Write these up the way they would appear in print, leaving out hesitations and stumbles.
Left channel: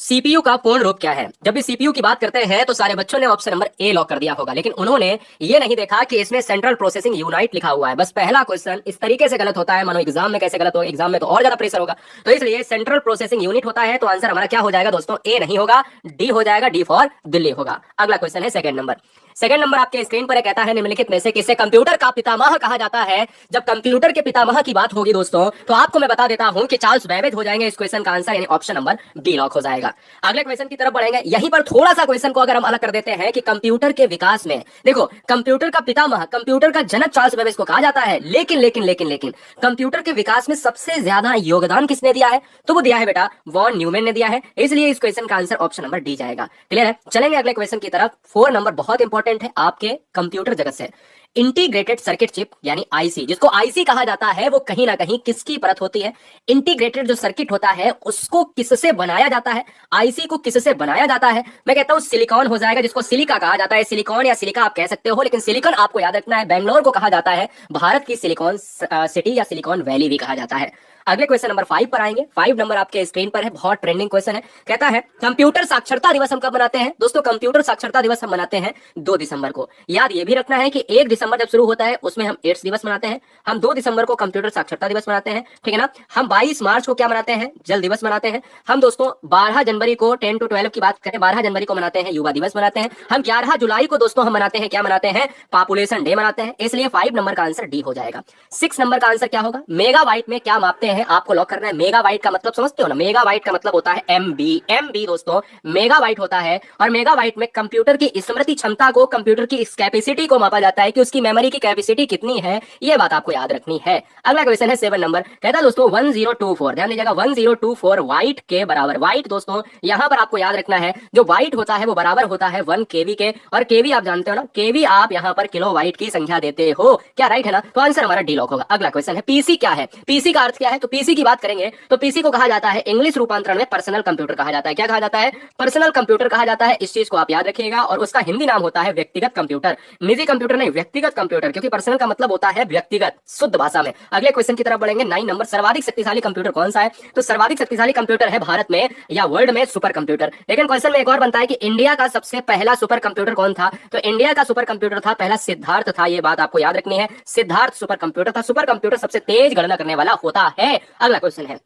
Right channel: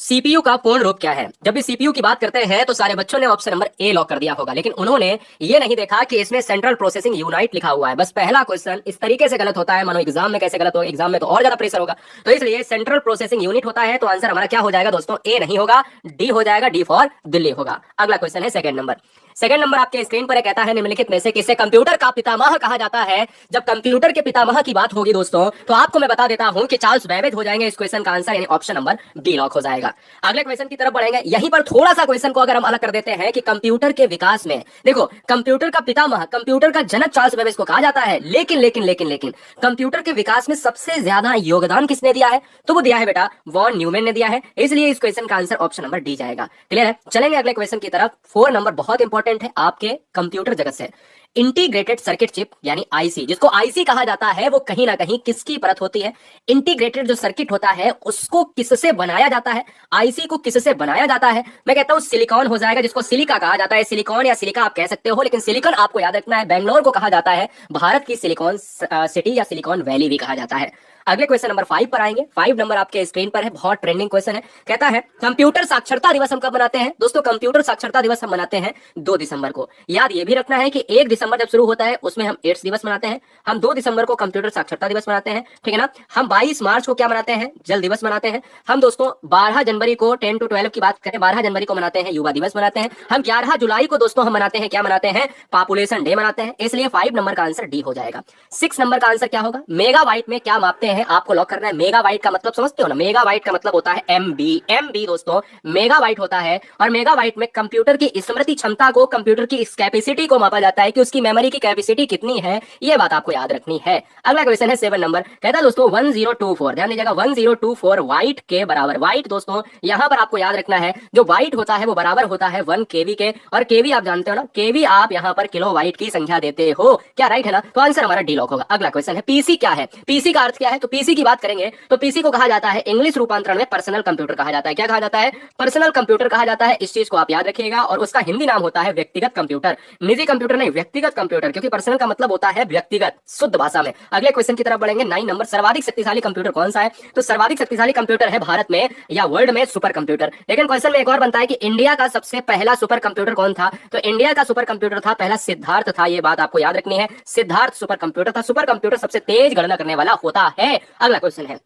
CPU का पूर्ण रूप क्या है? जब भी सीपीयू की बात करते हैं तो सारे बच्चों ने ऑप्शन नंबर ए लॉक कर दिया होगा, लेकिन उन्होंने ये नहीं देखा कि इसमें सेंट्रल प्रोसेसिंग यूनिट लिखा हुआ है। बस पहला क्वेश्चन इस तरीके से गलत होता है, मानो एग्जाम में कैसे गलत होगा, एग्जाम में तो और ज्यादा प्रेशर होगा। तो इसलिए सेंट्रल प्रोसेसिंग यूनिट होता है, तो आंसर हमारा क्या हो जाएगा दोस्तों? ए नहीं होगा, डी हो जाएगा, डी फॉर दिल्ली होगा। अगला क्वेश्चन है सेकंड नंबर। सेकंड नंबर आपके स्क्रीन पर कहता है निम्नलिखित में से किसे कंप्यूटर का पितामह कहा जाता है? जब कंप्यूटर के पितामह की बात होगी दोस्तों, तो आपको मैं बता देता हूं कि चार्ल्स बेबेज हो जाएंगे इस क्वेश्चन का आंसर, यानी ऑप्शन नंबर बी लॉक हो जाएगा। अगले क्वेश्चन की तरफ बढ़ेंगे। यहीं पर थोड़ा सा क्वेश्चन को अगर हम अलग कर देते हैं कि कंप्यूटर के विकास में, देखो कंप्यूटर का पितामह, कंप्यूटर का जनक चार्ल्स बेबेज को कहा जाता है, लेकिन लेकिन लेकिन लेकिन कंप्यूटर के विकास में सबसे ज्यादा योगदान किसने दिया है? तो वो दिया है बेटा वॉन न्यूमैन ने दिया है। इसलिए इस क्वेश्चन का आंसर ऑप्शन नंबर डी जाएगा। क्लियर है? चलेंगे अगले क्वेश्चन की तरफ। 4 नंबर बहुत इंपॉर्टेंट है आपके कंप्यूटर जगत से। इंटीग्रेटेड सर्किट चिप यानी आईसी, जिसको आईसी कहा जाता है, वो कहीं ना कहीं किसकी परत होती है? इंटीग्रेटेड जो सर्किट होता है उसको किससे बनाया जाता है? आईसी को किससे बनाया जाता है? मैं कहता हूं सिलिकॉन हो जाएगा, जिसको सिलिका कहा जाता है। सिलिकॉन या सिलिका आप कह सकते हो, लेकिन सिलिकॉन आपको याद रखना है, बेंगलोर को कहा जाता है भारत की सिलिकॉन सिटी या सिलिकॉन वैली भी कहा जाता है। अगले क्वेश्चन नंबर 5 पर आएंगे। 5 नंबर आपके स्क्रीन पर है, बहुत ट्रेंडिंग क्वेश्चन है। कहता है कंप्यूटर साक्षरता दिवस हम कब मनाते हैं? दोस्तों कंप्यूटर साक्षरता दिवस हम मनाते हैं 2 दिसंबर को। याद ये भी रखना है कि 1 दिसंबर जब शुरू होता है उसमें हम एड्स दिवस मनाते हैं, हम 2 दिसंबर को कंप्यूटर साक्षरता दिवस मनाते हैं, ठीक है ना। हम 22 मार्च को क्या मनाते हैं? जल दिवस मनाते हैं। हम दोस्तों 12 जनवरी को 10 to 12 की बात करें, 12 जनवरी को मनाते हैं युवा दिवस मनाते हैं। हम 11 जुलाई को दोस्तों हम मनाते हैं, क्या मनाते हैं? पॉपुलेशन डे मनाते हैं। इसलिए 5 नंबर का आंसर डी हो जाएगा। 6 नंबर का आंसर क्या होगा? मेगाबाइट में क्या मापते हैं? आपको लॉक करना है। मेगाबाइट का मतलब समझते हो ना? मेगाबाइट का मतलब होता है एमबी। एमबी दोस्तों मेगाबाइट होता है, और मेगाबाइट में कंप्यूटर की स्मृति क्षमता को, कंप्यूटर की इस कैपेसिटी को मापा जाता है कि उसकी मेमोरी की कैपेसिटी कितनी है। ये बात आपको याद रखनी है। अगला क्वेश्चन है 7 नंबर। कहता है दोस्तों 1024, ध्यान दीजिएगा 1024 वाइट के बराबर। वाइट दोस्तों यहां पर आपको याद रखना है, जो वाइट होता है वो बराबर होता है 1 केवी के, और केवी आप जानते हो ना, केवी आप यहां पर किलो वाइट की संख्या देते हो, क्या राइट है ना? तो आंसर हमारा डी लॉक होगा। अगला क्वेश्चन है पीसी क्या है? पीसी का अर्थ क्या है? तो पीसी की बात करेंगे तो पीसी को कहा जाता है, इंग्लिश रूपांतरण में पर्सनल कंप्यूटर कहा जाता है। क्या कहा जाता है? पर्सनल कंप्यूटर कहा जाता है। इस चीज को आप याद रखिएगा, और उसका हिंदी नाम होता है व्यक्तिगत कंप्यूटर। निजी कंप्यूटर नहीं, व्यक्तिगत कंप्यूटर, क्योंकि पर्सनल का मतलब होता है व्यक्तिगत, शुद्ध भाषा में। अगले क्वेश्चन की तरफ बढ़ेंगे। 9 नंबर। सर्वाधिक शक्तिशाली कंप्यूटर कौन सा है? तो सर्वाधिक शक्तिशाली कंप्यूटर है भारत में या वर्ल्ड में सुपर कंप्यूटर। लेकिन क्वेश्चन में एक और बनता है कि इंडिया का सबसे पहला सुपर कंप्यूटर कौन था? तो इंडिया का सुपर कंप्यूटर था पहला सिद्धार्थ था। ये बात आपको याद रखनी है, सिद्धार्थ सुपर कंप्यूटर था। सुपर कंप्यूटर सबसे तेज गणना करने वाला होता है। अगला क्वेश्चन है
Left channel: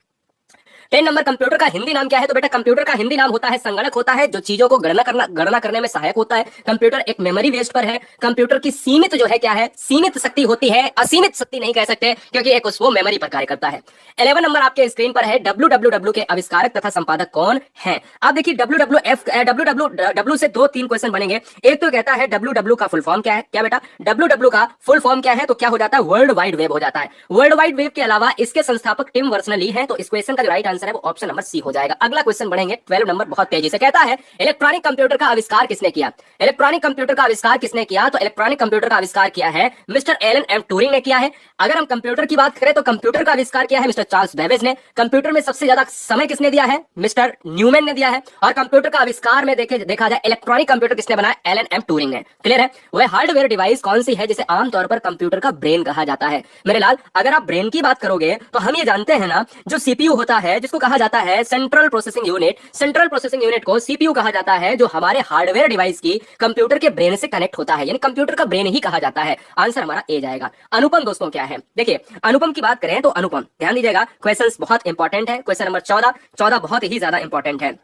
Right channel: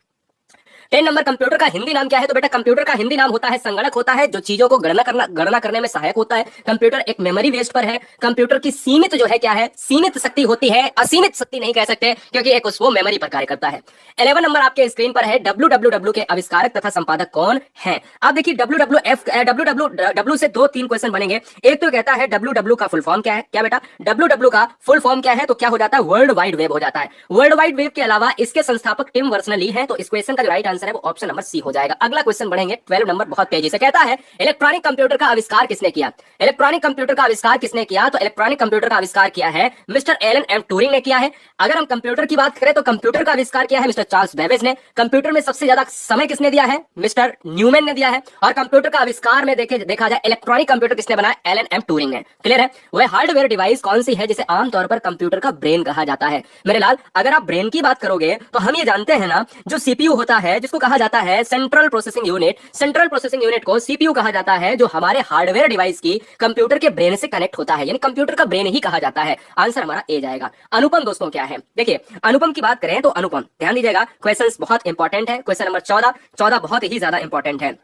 10 नंबर। कंप्यूटर का हिंदी नाम क्या है? तो बेटा कंप्यूटर का हिंदी नाम होता है संगणक, होता है जो चीजों को गणना करने में सहायक होता है। कंप्यूटर एक मेमोरी बेस्ड पर है। कंप्यूटर की सीमित जो है क्या है? सीमित शक्ति होती है, असीमित शक्ति नहीं कह सकते, क्योंकि एक वो मेमोरी पर कार्य करता है। 11 नंबर आपके स्क्रीन पर है। डब्ल्यू के आविष्कारक तथा संपादक कौन है? आप देखिए डब्ल्यू से 2-3 क्वेश्चन बनेंगे। एक तो कहता है डब्ल्यू का फुल फॉर्म क्या है? क्या बेटा डब्ल्यू का फुल फॉर्म क्या है? तो क्या हो जाता है? वर्ल्ड वाइड वेब हो जाता है। वर्ल्ड वाइड वेब के अलावा इसके संस्थापक टिम बर्नर्स-ली हैं, तो इस क्वेश्चन का जो राइट आंसर है वो ऑप्शन नंबर सी हो जाएगा। अगला क्वेश्चन बढ़ेंगे 12 नंबर, बहुत तेजी से। कहता है इलेक्ट्रॉनिक कंप्यूटर का आविष्कार किसने किया? इलेक्ट्रॉनिक कंप्यूटर का आविष्कार किसने किया? तो इलेक्ट्रॉनिक कंप्यूटर का आविष्कार किया है मिस्टर एलन एम ट्यूरिंग ने किया है। अगर हम कंप्यूटर की बात करें तो कंप्यूटर का आविष्कार किया है मिस्टर चार्ल्स बेबेज ने। कंप्यूटर में सबसे ज्यादा समय किसने दिया है? मिस्टर न्यूमैन ने दिया है। और कंप्यूटर का आविष्कार में देखा जाए इलेक्ट्रॉनिक कंप्यूटर किसने बनाया? एलन एम ट्यूरिंग ने। क्लियर है? वह हार्डवेयर डिवाइस कौन सी है जिसे आमतौर पर कंप्यूटर का ब्रेन कहा जाता है? मेरे लाल, अगर आप ब्रेन की बात करोगे तो हम ये जानते हैं ना, जो सीपीयू होता है जिसको कहा जाता है central processing unit, central processing unit को सीपीयू कहा जाता है, जो हमारे हार्डवेयर डिवाइस की कंप्यूटर के ब्रेन से कनेक्ट होता है, यानी कंप्यूटर का ब्रेन ही कहा जाता है। आंसर हमारा ए जाएगा। अनुपम दोस्तों क्या है? देखिए अनुपम की बात करें तो अनुपम, ध्यान दीजिएगा क्वेश्चंस बहुत इंपॉर्टेंट है। क्वेश्चन नंबर 14 बहुत ही ज्यादा इंपॉर्टेंट है।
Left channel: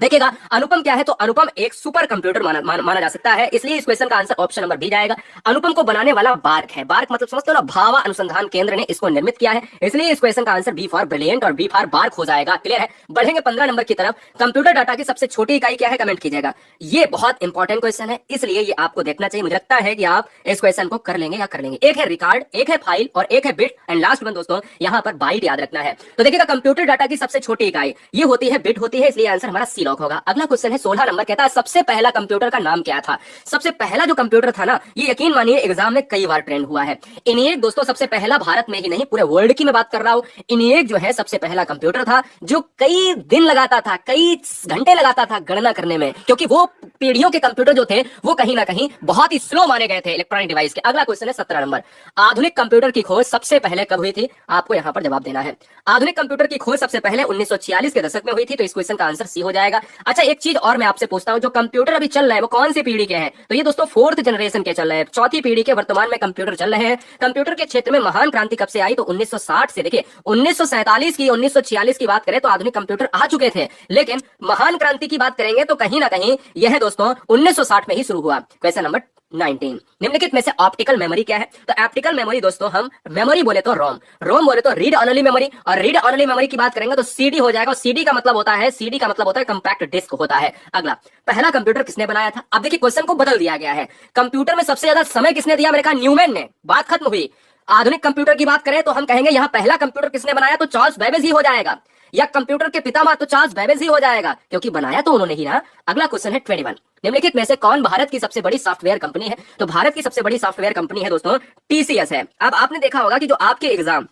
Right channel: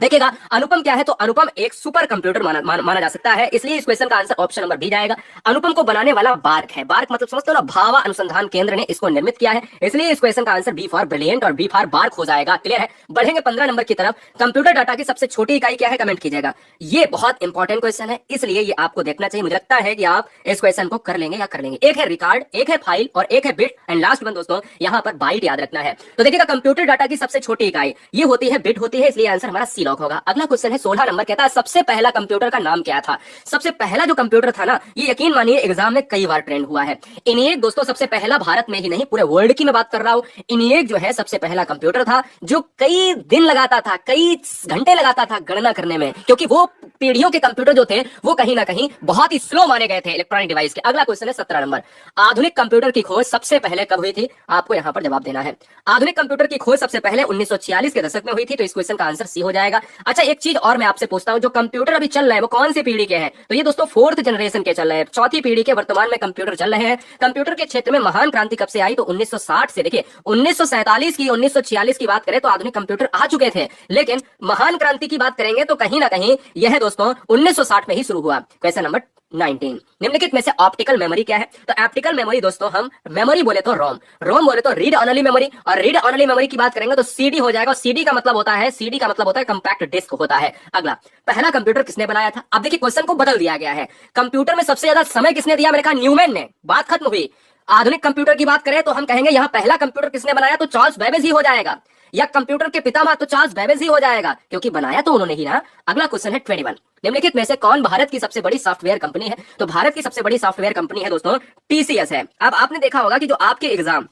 देखिएगा अनुपम क्या है? तो अनुपम एक सुपर कंप्यूटर माना जा सकता है, इसलिए इस क्वेश्चन का आंसर ऑप्शन नंबर बी जाएगा। अनुपम को बनाने वाला बार्क है। बार्क मतलब समझते हो ना, भाभा अनुसंधान केंद्र ने इसको निर्मित किया है, इसलिए इस क्वेश्चन का आंसर बी फॉर ब्रिलियंट और बी फॉर बार्क हो जाएगा। क्लियर है? बढ़ेंगे 15 नंबर की तरफ। कंप्यूटर डाटा की सबसे छोटी इकाई क्या है? कमेंट कीजिएगा। ये बहुत इंपॉर्टेंट क्वेश्चन है, इसलिए ये आपको देखना चाहिए। मुझे लगता है कि आप इस क्वेश्चन को कर लेंगे या कर लेंगे। एक है रिकॉर्ड, एक है फाइल और एक है बिट, एंड लास्ट वन दोस्तों यहां पर बाइट याद रखना है। तो देखिएगा कंप्यूटर डाटा की सबसे छोटी इकाई ये होती है बिट होती है, इसलिए आंसर हमारा सी लॉक होगा। अगला क्वेश्चन है 16 नंबर। कहता है सबसे पहला कंप्यूटर का नाम क्या था? सबसे पहला जो कंप्यूटर था ना, ये यकीन मानिए एग्जाम में कई बार ट्रेंड हुआ है। इनिएक दोस्तों सबसे पहला भारत में ही नहीं पूरे वर्ल्ड की मैं बात कर रहा हूं। इनिएक जो है सबसे पहला कंप्यूटर था जो कई दिन लगाता था, कई घंटे लगाता था गणना करने में, क्योंकि वो पीढ़ियों के कंप्यूटर जो थे वो कहीं ना कहीं बहुत ही स्लो माने गए थे इलेक्ट्रॉनिक डिवाइस के। अगला क्वेश्चन है 17 नंबर। आधुनिक कंप्यूटर की खोज सबसे पहले कब हुई थी? आपको यहां पर जवाब देना है। आधुनिक कंप्यूटर की खोज सबसे पहले 1946 के दशक में हुई थी, तो इस क्वेश्चन का आंसर सी हो जाएगा। जाएगा। अच्छा, एक चीज और मैं आपसे पूछता हूं, जो कंप्यूटर अभी चल रहे हैं वो कौन सी पीढ़ी के हैं? तो ये दोस्तों 4th जनरेशन के चल रहे हैं, चौथी पीढ़ी के वर्तमान में कंप्यूटर चल रहे हैं। कंप्यूटर के क्षेत्र में महान क्रांति कब से आई? तो 1960 से। देखिए 1947 की 1946 की बात करें तो आधुनिक कंप्यूटर आ चुके थे, लेकिन महान क्रांति की बात करेंगे तो कहीं ना कहीं यह दोस्तों 1960 में ही शुरू हुआ। क्वेश्चन नंबर 19, निम्नलिखित में से ऑप्टिकल मेमोरी क्या है? तो ऑप्टिकल मेमोरी दोस्तों, हम मेमोरी बोले तो रोम, रोम बोले तो रीड ओनली मेमोरी, और रीड ओनली मेमोरी की बात करेंगे तो सीडी हो जाएगा। सीडी का मतलब होता है, सीडी का मतलब होता है कंपैक्ट डिस्क होता है। अगला, पहला कंप्यूटर किसने बनाया था? अब देखिए क्वेश्चन को बदल दिया गया है। कंप्यूटर में सबसे ज्यादा समय किसने दिया? मैंने कहा न्यूमैन ने, बात खत्म हुई। आधुनिक कंप्यूटर की बात करें तो हम कहेंगे यहाँ पहला कंप्यूटर किसने बनाया? तो चार्ल्स बेबेज ही हो जाएगा, या कंप्यूटर के पितामह तो चार्ल्स बेबेज ही हो जाएगा, क्योंकि बनाया तो उन्होंने ही ना। अगला क्वेश्चन है 21, निम्नलिखित में से कौन भारत की सबसे बड़ी सॉफ्टवेयर कंपनी है? तो भारत की सबसे बड़ी सॉफ्टवेयर कंपनी है दोस्तों टीसीएस है। अब आपने देखा होगा कि जो आपके एग्जाम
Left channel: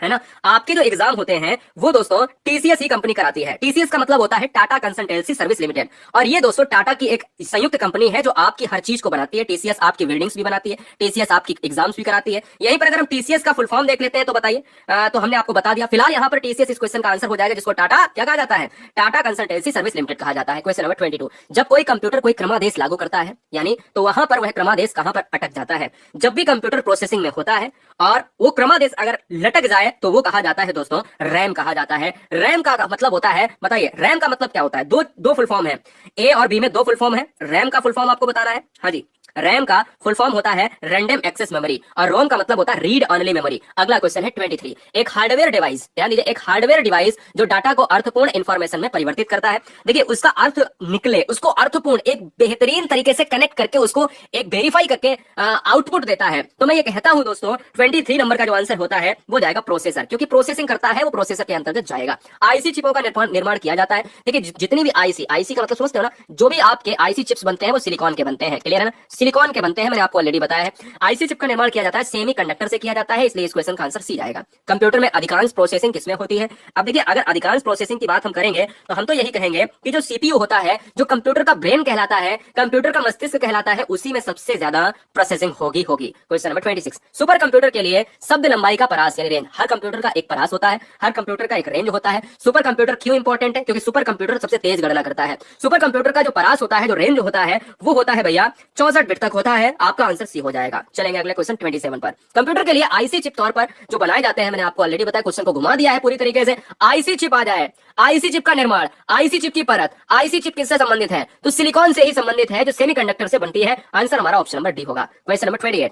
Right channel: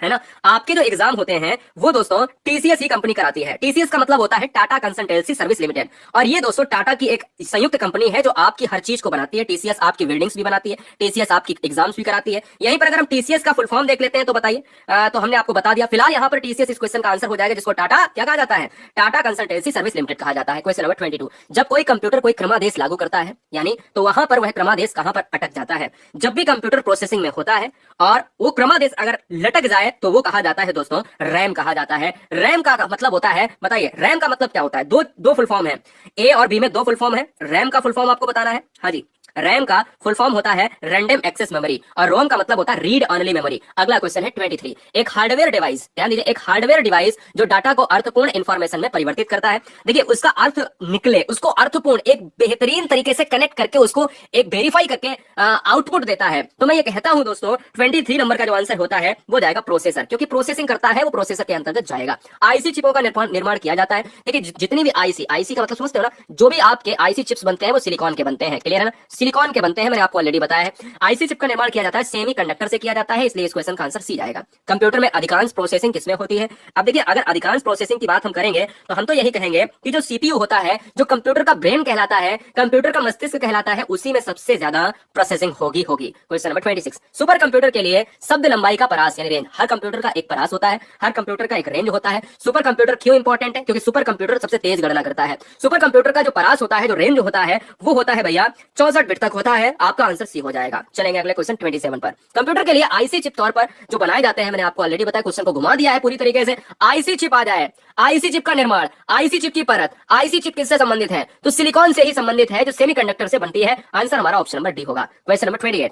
है ना, आपके जो एग्जाम होते हैं वो दोस्तों टीसीएस ही कंपनी कराती है। टीसीएस का मतलब होता है टाटा कंसल्टेंसी सर्विस लिमिटेड, और ये दोस्तों टाटा की एक संयुक्त कंपनी है जो आपकी हर चीज को बनाती है। टीसीएस आपकी बिल्डिंग्स भी बनाती है, टीसीएस आपकी एग्जाम्स भी कराती है। यहीं पर अगर हम टीसीएस का फुल फॉर्म देख लेते हैं तो बताइए, तो हमने आपको बता दिया। फिलहाल यहाँ पर टीसीएस इस क्वेश्चन का आंसर हो जाएगा, जिसको टाटा क्या कहा जाता है? टाटा कंसल्टेंसी सर्विस लिमिटेड कहा जाता है। क्वेश्चन नंबर 22, जब कोई कंप्यूटर कोई क्रमादेश लागू करता है यानी, तो वहां पर वह क्रमादेश कहां पर अटक जाता है? जब भी कंप्यूटर प्रोसेसिंग में होता है और वो क्रमादेश अगर लटक जाए तो वो कहा जाता है दोस्तों रैम कहा जाता है। रैम का मतलब होता है, बताइए रैम का मतलब क्या होता है? दो फुल फॉर्म है, ए और बी में दो फुल फॉर्म है। रैम का फुल फॉर्म आपको बताना है। हाँ जी, रैम का फुल फॉर्म होता है रैंडम एक्सेस मेमोरी, और रोम का मतलब होता है रीड ओनली मेमोरी। अगला क्वेश्चन है 23, एक हार्डवेयर डिवाइस, ध्यान दीजिए, एक हार्डवेयर डिवाइस जो डाटा को अर्थपूर्ण इंफॉर्मेशन में परिवर्तित करता है। देखिए उसका अर्थ निकले, उसको अर्थपूर्ण एक बेहतरीन तरीके से कनेक्ट करके उसको एक वेरीफाई करके आउटपुट देता है। तो मैं ये कहता हूं दोस्तों 23 नंबर का जो आंसर होता है वो जाएगा प्रोसेसर, क्योंकि प्रोसेसिंग करता है वो प्रोसेसर के अंतर्गत जाएगा। आईसी चिपों का निर्माण किया जाता है। देखिए जितनी भी आईसी का मतलब समझते हो ना, जो भी आपके आईसी चिप्स बनते हैं वो सिलिकॉन के बनते हैं, क्लियर है ना? सिलिकॉन के बनते हैं, मैंने आपको ऑलरेडी बताया है। आईसी चिप का निर्माण किया जाता है सेमीकंडक्टर से किया जाता है, इसलिए इस क्वेश्चन का आंसर सी जाएगा। कंप्यूटर में अधिकांश प्रोसेसिंग किसमें होती है? अब देखिए अगर अधिकांश प्रोसेसिंग की बात हम करेंगे तो हम तो यही कहेंगे कि जो सीपीयू होता है, जो कंप्यूटर का ब्रेन कहलाता है, कंप्यूटर का मस्तिष्क कहलाता है, उसी में सबसे ज्यादा प्रोसेसिंग होगी। क्वेश्चन नंबर 26, सुपर कंप्यूटर के लिए शब्द लंबाई का परास यानी रेंज, हर कंप्यूटर का एक परास होता है, हर कंप्यूटर का एक रेंज होता है। सुपर कंप्यूटर क्यों इंपॉर्टेंट है? क्योंकि सुपर कंप्यूटर सबसे तेज गणना करता है। सुपर कंप्यूटर का जो परास होता है, जो रेंज होता है, वो होता है भैया 64 बिट तक होता है। आपका आंसर सी हो जाएगा। चलेंगे अगले क्वेश्चन 27 पर। कंप्यूटर के लिए आईसी चिप तौर पर जो बनाए जाते हैं, मैंने आपको ऑलरेडी बताया, क्वेश्चन को घुमा दिया है पूरी तरीके से। आईसी चिप आ जाए, आईसी चिप का निर्माण, आईसी चिप की परत, आईसी चिप किससे संबंधित है? तो सिलिकॉन से ही संबंधित है, जो सेमीकंडक्टर से बनती है। आंसर हमारा ऑप्शन नंबर डी होगा। क्वेश्चन नंबर 28,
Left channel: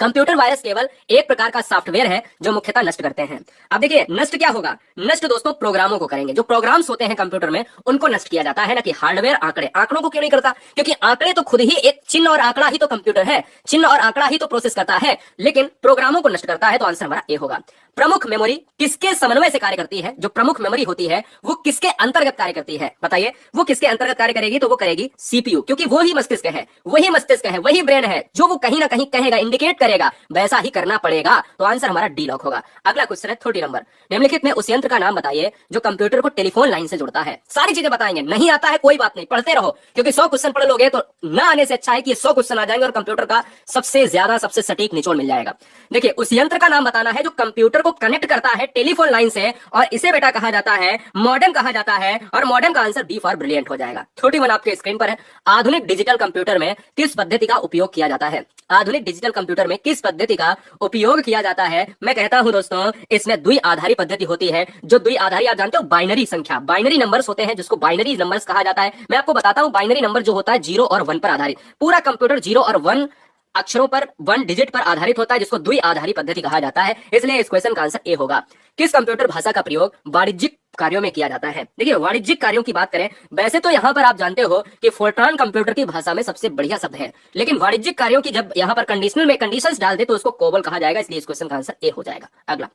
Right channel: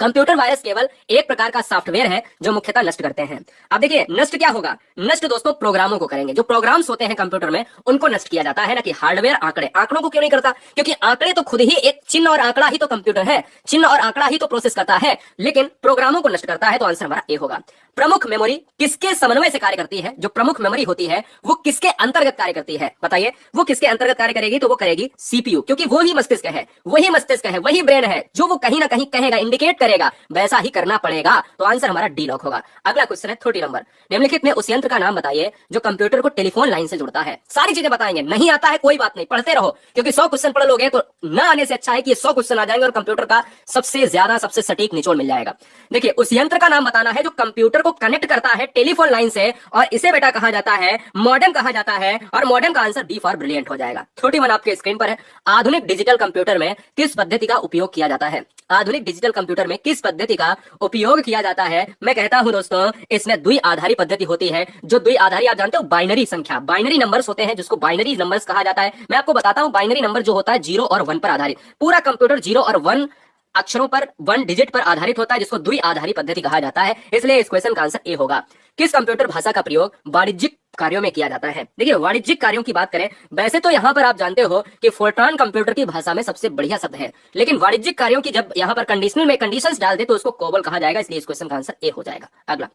कंप्यूटर वायरस केवल एक प्रकार का सॉफ्टवेयर है जो मुख्यतः नष्ट करते हैं। अब देखिए नष्ट क्या होगा? नष्ट दोस्तों प्रोग्रामों को करेंगे। जो प्रोग्राम्स होते हैं कंप्यूटर में उनको नष्ट किया जाता है, ना कि हार्डवेयर आंकड़े। आंकड़ों को क्यों नहीं करता? क्योंकि आंकड़े तो खुद ही एक चिन्ह और आंकड़ा ही तो कंप्यूटर है, चिन्ह और आंकड़ा ही तो प्रोसेस करता है, लेकिन प्रोग्रामों को नष्ट करता है। तो आंसर हमारा ए होगा। प्रमुख मेमोरी किसके समन्वय से कार्य करती है? जो प्रमुख मेमोरी होती है वो किसके अंतर्गत कार्य करती है? बताइए वो किसके अंतर्गत कार्य करेगी? तो वो करेगी सीपीयू, क्योंकि वो ही मस्तिष्क है, वही मस्तिष्क है, वही ब्रेन है, जो वो कहीं ना कहीं कहेगा, इंडिकेट करेगा, वैसा ही करना पड़ेगा। तो आंसर हमारा डी लॉक होगा। अगला क्वेश्चन है 30 नंबर, निम्नलिखित में उस यंत्र का नाम बताइए जो कंप्यूटर को टेलीफोन लाइन से जोड़ता है। सारी चीजें बताएंगे, नहीं आता है कोई बात नहीं, पढ़ते रहो, क्योंकि 100 क्वेश्चन पढ़ लोगे तो ना आने से अच्छा है कि 100 क्वेश्चन आ जाएंगे और कंप्यूटर का सबसे ज्यादा सबसे सटीक निचोड़ मिल जाएगा। देखिए उस यंत्र का नाम बताना है जो कंप्यूटर को कनेक्ट करता है टेलीफोन लाइन से, और इसे बेटा कहा जाता है मॉडेम कहा जाता है, और मॉडेम का आंसर बी फॉर ब्रिलियंट हो जाएगा। 31 आपके स्क्रीन पर है। आधुनिक डिजिटल कंप्यूटर में किस पद्धति का उपयोग किया जाता है? आधुनिक डिजिटल कंप्यूटर में किस पद्धति का उपयोग किया जाता है? मैं कहता हूं दोस्तों इसमें द्विआधारी पद्धति होती है। जो द्विआधारी आप जानते हो, बाइनरी संख्या, बाइनरी नंबर्स होते हैं जिसको बाइनरी नंबर्स कहा जाता है। मैं आपको बताता हूं बाइनरी नंबर जो होता है 0 और 1 पर आधारित। पूरा कंप्यूटर 0 और 1 अक्षरों पर, 1 डिजिट पर आधारित होता है, जिसको द्विआधारी पद्धति कहा जाता है। इसलिए इस क्वेश्चन का आंसर ए होगा। किस कंप्यूटर भाषा का प्रयोग वाणिज्यिक कार्यों में किया जाता है? देखिए वाणिज्यिक कार्यों की बात करें, वैसे तो यहाँ पर आप जानते हो कि फोर्ट्रान कंप्यूटर की भाषा में सबसे बढ़िया शब्द है, लेकिन वाणिज्यिक कार्यों की जब यहाँ पर कंडीशनल में कंडीशंस डाल दे तो उसको कोबल कहा जाएगा, इसलिए इस क्वेश्चन का आंसर ए हो जाएगा। अगला,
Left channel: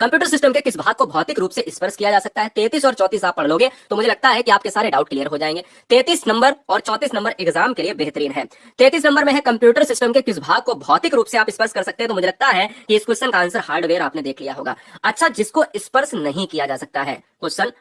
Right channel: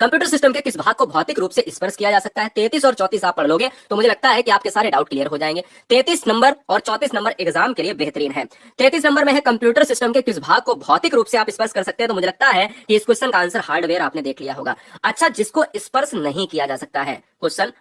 कंप्यूटर सिस्टम के किस भाग को भौतिक रूप से स्पर्श किया जा सकता है? 33 और 34 आप पढ़ लोगे तो मुझे लगता है कि आपके सारे डाउट क्लियर हो जाएंगे। 33 नंबर और 34 नंबर एग्जाम के लिए बेहतरीन है। 33 नंबर में है कंप्यूटर सिस्टम के किस भाग को भौतिक रूप से आप स्पर्श कर सकते हैं? तो मुझे लगता है कि इस क्वेश्चन का आंसर हार्डवेयर आपने देख लिया होगा। अच्छा, जिसको स्पर्श नहीं किया जा सकता है, क्वेश्चन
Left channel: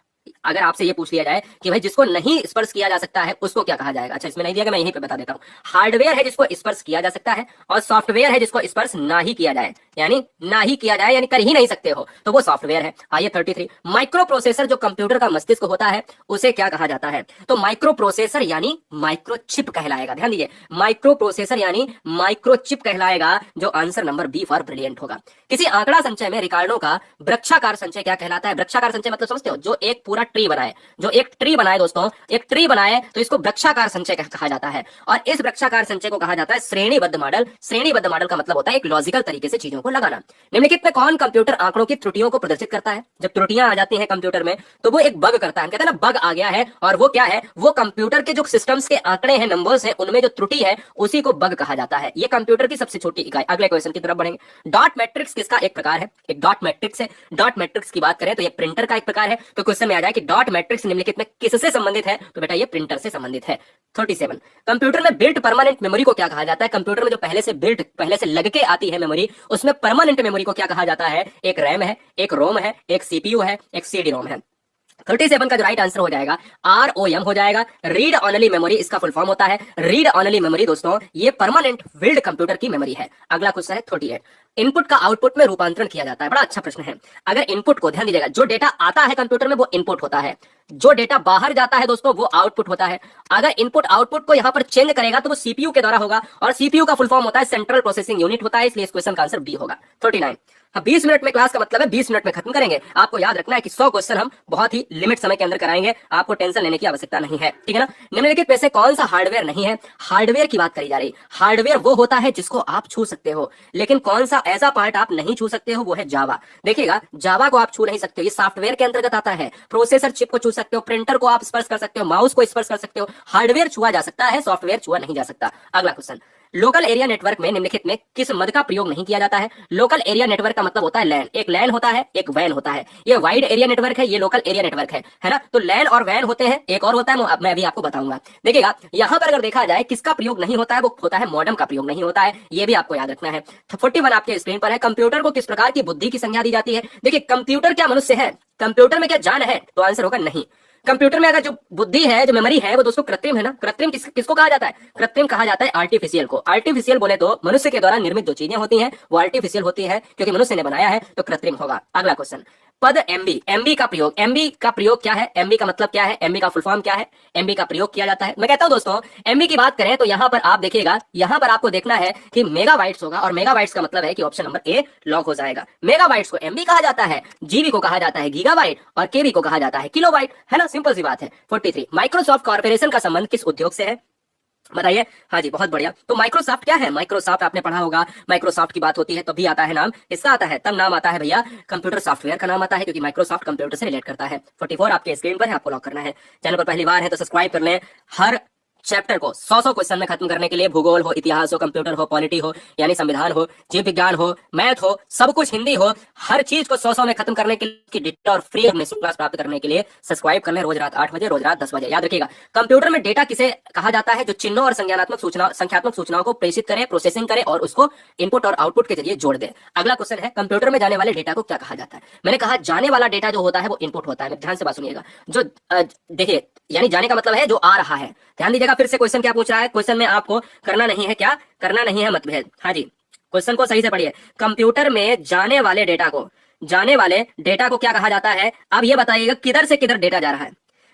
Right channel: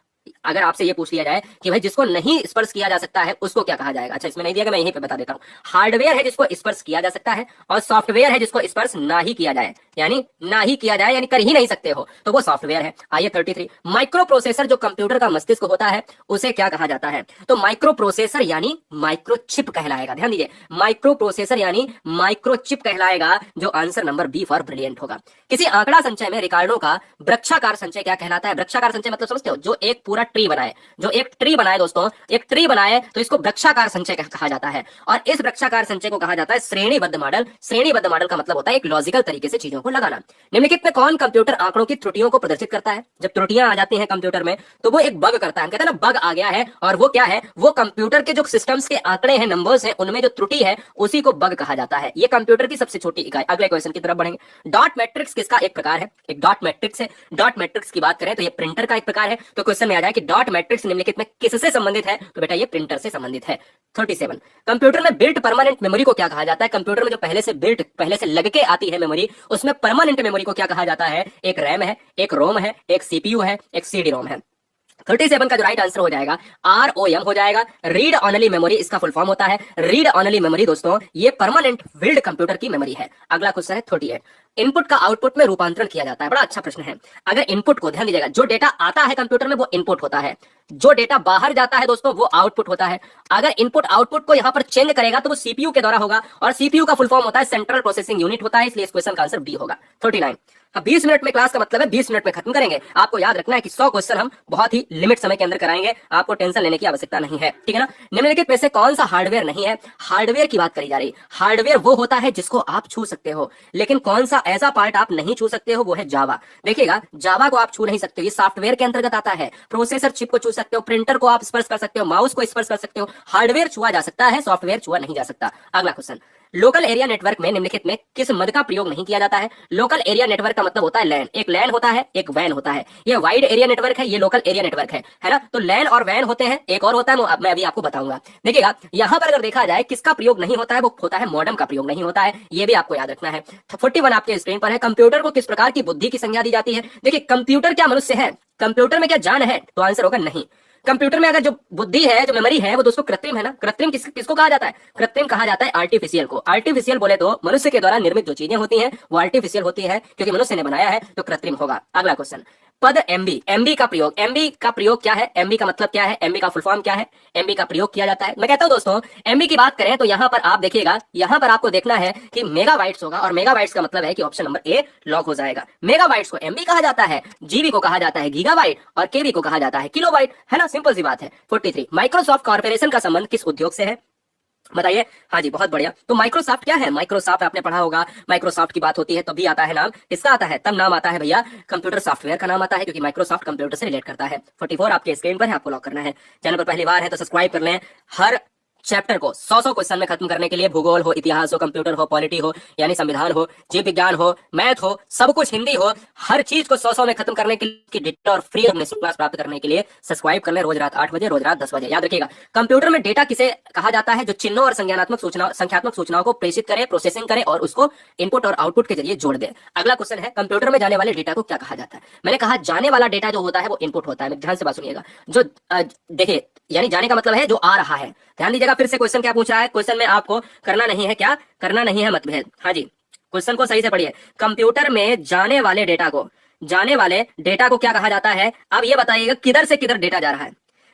अगर आपसे ये पूछ लिया जाए कि भाई जिसको नहीं स्पर्श किया जा सकता है उसको क्या कहा जाएगा, अच्छा इसमें नहीं दिया, मैं यहीं पे बता देता हूँ। हार्डवेयर है जिसको स्पर्श किया जा सकता है, और सॉफ्टवेयर है जिसको स्पर्श ना ही किया जाए, यानी ना ही किया जाए यानी कर ही नहीं सकते हो, तो वो सॉफ्टवेयर है। आइए 33, माइक्रो प्रोसेसर जो कंप्यूटर का मस्तिष्क होता है उसे क्या कहा जाता है, तो माइक्रो प्रोसेसर यानी माइक्रोचिप कहलाएगा। ध्यान दीजिए, माइक्रो प्रोसेसर यानी माइक्रोचिप कहलाएगा, जो answer number B for brilliant होगा। किसी आंकड़ा संचय में रिकॉर्डों का वृक्षाकार संचय क्या कहलाता है, वृक्षाकार संचय मतलब समझते हो, जो एक पूरा ट्री बनाए, जो एक ट्री बनाए दोस्तों, एक ट्री बनाए तो इसको वृक्षाकार संचय कहा जाता है। और इस वृक्षाकार संचय को कहा जाता है श्रेणीबद्ध मॉडल। श्रेणीबद्ध मॉडल का मतलब होता है एक लॉजिकल तरीके से चीजों को लगाना। निम्नलिखित में कौन कंप्यूटर आंकड़ों की त्रुटियों को प्रदर्शित करता है, जब त्रुटियां आ जाती हैं कंप्यूटर में तो वो एक बग करता है, हम कहते हैं ना बग आ गया है, और वो क्या है, वो कंप्यूटर के जो सिस्टम्स के आंकड़े हैं, नंबर्स हैं, उनमें जो त्रुटि है उसी को बग कहा जाता है। ये कंप्यूटर की सबसे छोटी इकाई। अगले क्वेश्चन की तरफ बढ़ेंगे। डॉट मैट्रिक्स किसका एक प्रकार है, एक डॉट मैट्रिक्स है। डॉट मैट्रिक्स की बात करें तो ये प्रिंटर का एक प्रकार है। तो क्वेश्चन में आ जाए कि डॉट मैट्रिक्स निम्नलिखित में किससे संबंधित है, तो बेटा ये प्रिंटर से संबंधित है। 37, कंप्यूटर में बिल्ट परमानेंट मेमोरी को क्या कहा जाता है, कंप्यूटर में जो पहले से लग के आती है मेमोरी, उसमें परमानेंट मेमोरी को क्या कहा जाता है, एक रैम है, एक रोम है, एक सीपीयू है, एक सीडी रोम है। 37 का जो राइट आंसर हो जाएगा ROM हो जाएगा, रीड ऑनली मेमोरी इसका फुल फॉर्म होता है। रीड ऑनली मेमोरी दोस्तों ये परमानेंट बिल्ड कंप्यूटर की मेमोरी है। अगला क्वेश्चन है 38, इनपुट का आउटपुट में रूपांतरण किया जाता है। बड़ा अच्छा प्रश्न है। अगर इनपुट को ध्यान दीजिएगा, जो डेटा आता है कंप्यूटर में वो इनपुट होता है, जो डेटा बाहर जाता है दोस्तों वो आउटपुट होता है। अगर इनपुट आउटपुट को यहां पर चेंज करेगा तो वो सीपीयू के द्वारा होगा, और सीपीयू का फुल फॉर्म होता है सेंट्रल प्रोसेसिंग यूनिट होता है, इसलिए इस क्वेश्चन का आंसर बी होगा। 39, 20 मिनट में क्लास का मतलब है 20 मिनट में खत्म करेंगे। आपको याद रखना है कि 100 क्वेश्चन हम बहुत ही लिमिट समय के अंदर कराएंगे, आपको टेंशन लेने की आवश्यकता नहीं है, ठीक है ना। निम्नलिखित में से कौन सा हार्डवेयर नहीं है, हार्डवेयर की बात करी जा रही। हार्डवेयर वो होता है जिसको आप छू सकते हो, लेकिन कौन सा ऐसा पार्ट आप नहीं छू सकते हो, वो है जावा। देखिएगा जावा को आप छू नहीं सकते, ये सॉफ्टवेयर के अंतर्गत आता है। प्रोसेसर चिप को छू सकते हो, प्रिंटर को आप स्पर्श कर सकते हो, माउस को स्पर्श कर सकते हो, हार्डवेयर छुआ जा सकता है, सॉफ्टवेयर छुआ नहीं जा सकता। अगला क्वेश्चन, लोकल एरिया नेटवर्क में निम्नलिखित में किस मद का प्रयोग नहीं किया जाता है। लोकल एरिया नेटवर्क का मतलब होता है लैन, एक लैन होता है, एक वैन होता है। ये वाइड एरिया नेटवर्क है, ये लोकल एरिया नेटवर्क है ना। तो लैन और वैन होते हैं, एक और होता है मैं अभी आपको बताऊंगा। देखिएगा यहां पर अगर देखा जाए किसका प्रयोग नहीं होता है, वो होता है मॉडेम का प्रयोग नहीं होता है, ये भी आपको याद रखना है। 41 आपके स्क्रीन पर है, कंप्यूटर को किस प्रकार की बुद्धि की संज्ञा दी जाती है। देखिए कंप्यूटर क्या मनुष्य है, कंप्यूटर में क्या जान है, तो आंसर होगा नहीं। कंप्यूटर में अगर जो बुद्धि है, जो मेमोरी है, वो दोस्तों कृत्रिम है ना। कृत्रिम किसको कहा जाता है, कृत्रिम कहा जाता है आर्टिफिशियल को। आर्टिफिशियल बोले तो मनुष्य के द्वारा निर्मित जो चीजें होती हैं वो आर्टिफिशियल होती है, क्योंकि मनुष्य ने बनाया है, तो कृत्रिम होगा। अगला क्वेश्चन, पद एमबी, एमबी का प्रयोग, एमबी का प्रयोग क्या है, एमबी का मतलब क्या है, एमबी का फुल फॉर्म क्या है, एमबी का प्रयोग किया जाता है। मैं कहता हूं दोस्तों एमबी की बात करें तो यहां पर आप देखिएगा, यहां पर आपको देखना है कि मेगाबाइट्स होगा, और मेगाबाइट्स का मतलब है कि ऑप्शन नंबर ए लॉक हो जाएगा। मेगाबाइट्स को एमबी कहा जाता है, जीबी को कहा जाता है गीगाबाइट, और केबी को कहा जाता है किलोबाइट, है ना, सिंपल सी बात है। 43, माइक्रोसॉफ्ट कॉर्पोरेशन का संबंध किस उद्योग से है, बताइए। हाँ जी बहुत बढ़िया। तो माइक्रोसॉफ्ट क्या है, माइक्रोसॉफ्ट आपने पढ़ा होगा, माइक्रोसॉफ्ट की बात होती है तभी आता है नाम, किसका आता है, तब नाम आता है भैया कंप्यूटर सॉफ्टवेयर का नाम आता है, क्योंकि माइक्रोसॉफ्ट कंप्यूटर से रिलेट करता है। 44 आपके स्क्रीन पर है, आपको लॉक करना है। चैनल पर पहली बार है तो सब्सक्राइब कर लें। हर चैप्टर को 100 क्वेश्चन में खत्म करने के लिए, भूगोल हो, इतिहास हो, कंप्यूटर हो, पॉलिटी हो यानी संविधान हो, जीव विज्ञान हो, मैथ हो, सब कुछ हिंदी हो, हर चीज को 100 में खत्म करने के लिए डेटा और फ्री और निःशुल्क क्लास प्राप्त करने के लिए सब्सक्राइब कर लें। रोज रात 8 बजे, रोज रात 10 बजे। याद रखिएगा कंप्यूटर में डेटा किसे कहा जाता है, जो चिन्हों और संख्यात्मक सूचनाओं को प्रेषित करे, प्रोसेसिंग करे और उसको इनपुट और आउटपुट के जरिए जोड़ दे। अगला क्वेश्चन है, कंप्यूटर में जाने वाले डेटा को क्या कहा जाता है। मैंने कहा जाने वाला डेटा जो होता है वो इनपुट होता है। ध्यान से बात सुनिएगा, जो देखिए यानी जाने का मतलब है जो आ रहा है। ध्यान दीजिएगा, फिर से क्वेश्चन क्या पूछ रहा है, क्वेश्चन में आपको करना नहीं है, क्या करना नहीं है मतभेद। हाँ जी क्वेश्चन को सही से पढ़िए। कंप्यूटर में जाने वाले डेटा को क्या कहा जाता है। अब ये बताइएगा किधर से किधर डेटा जा रहा है।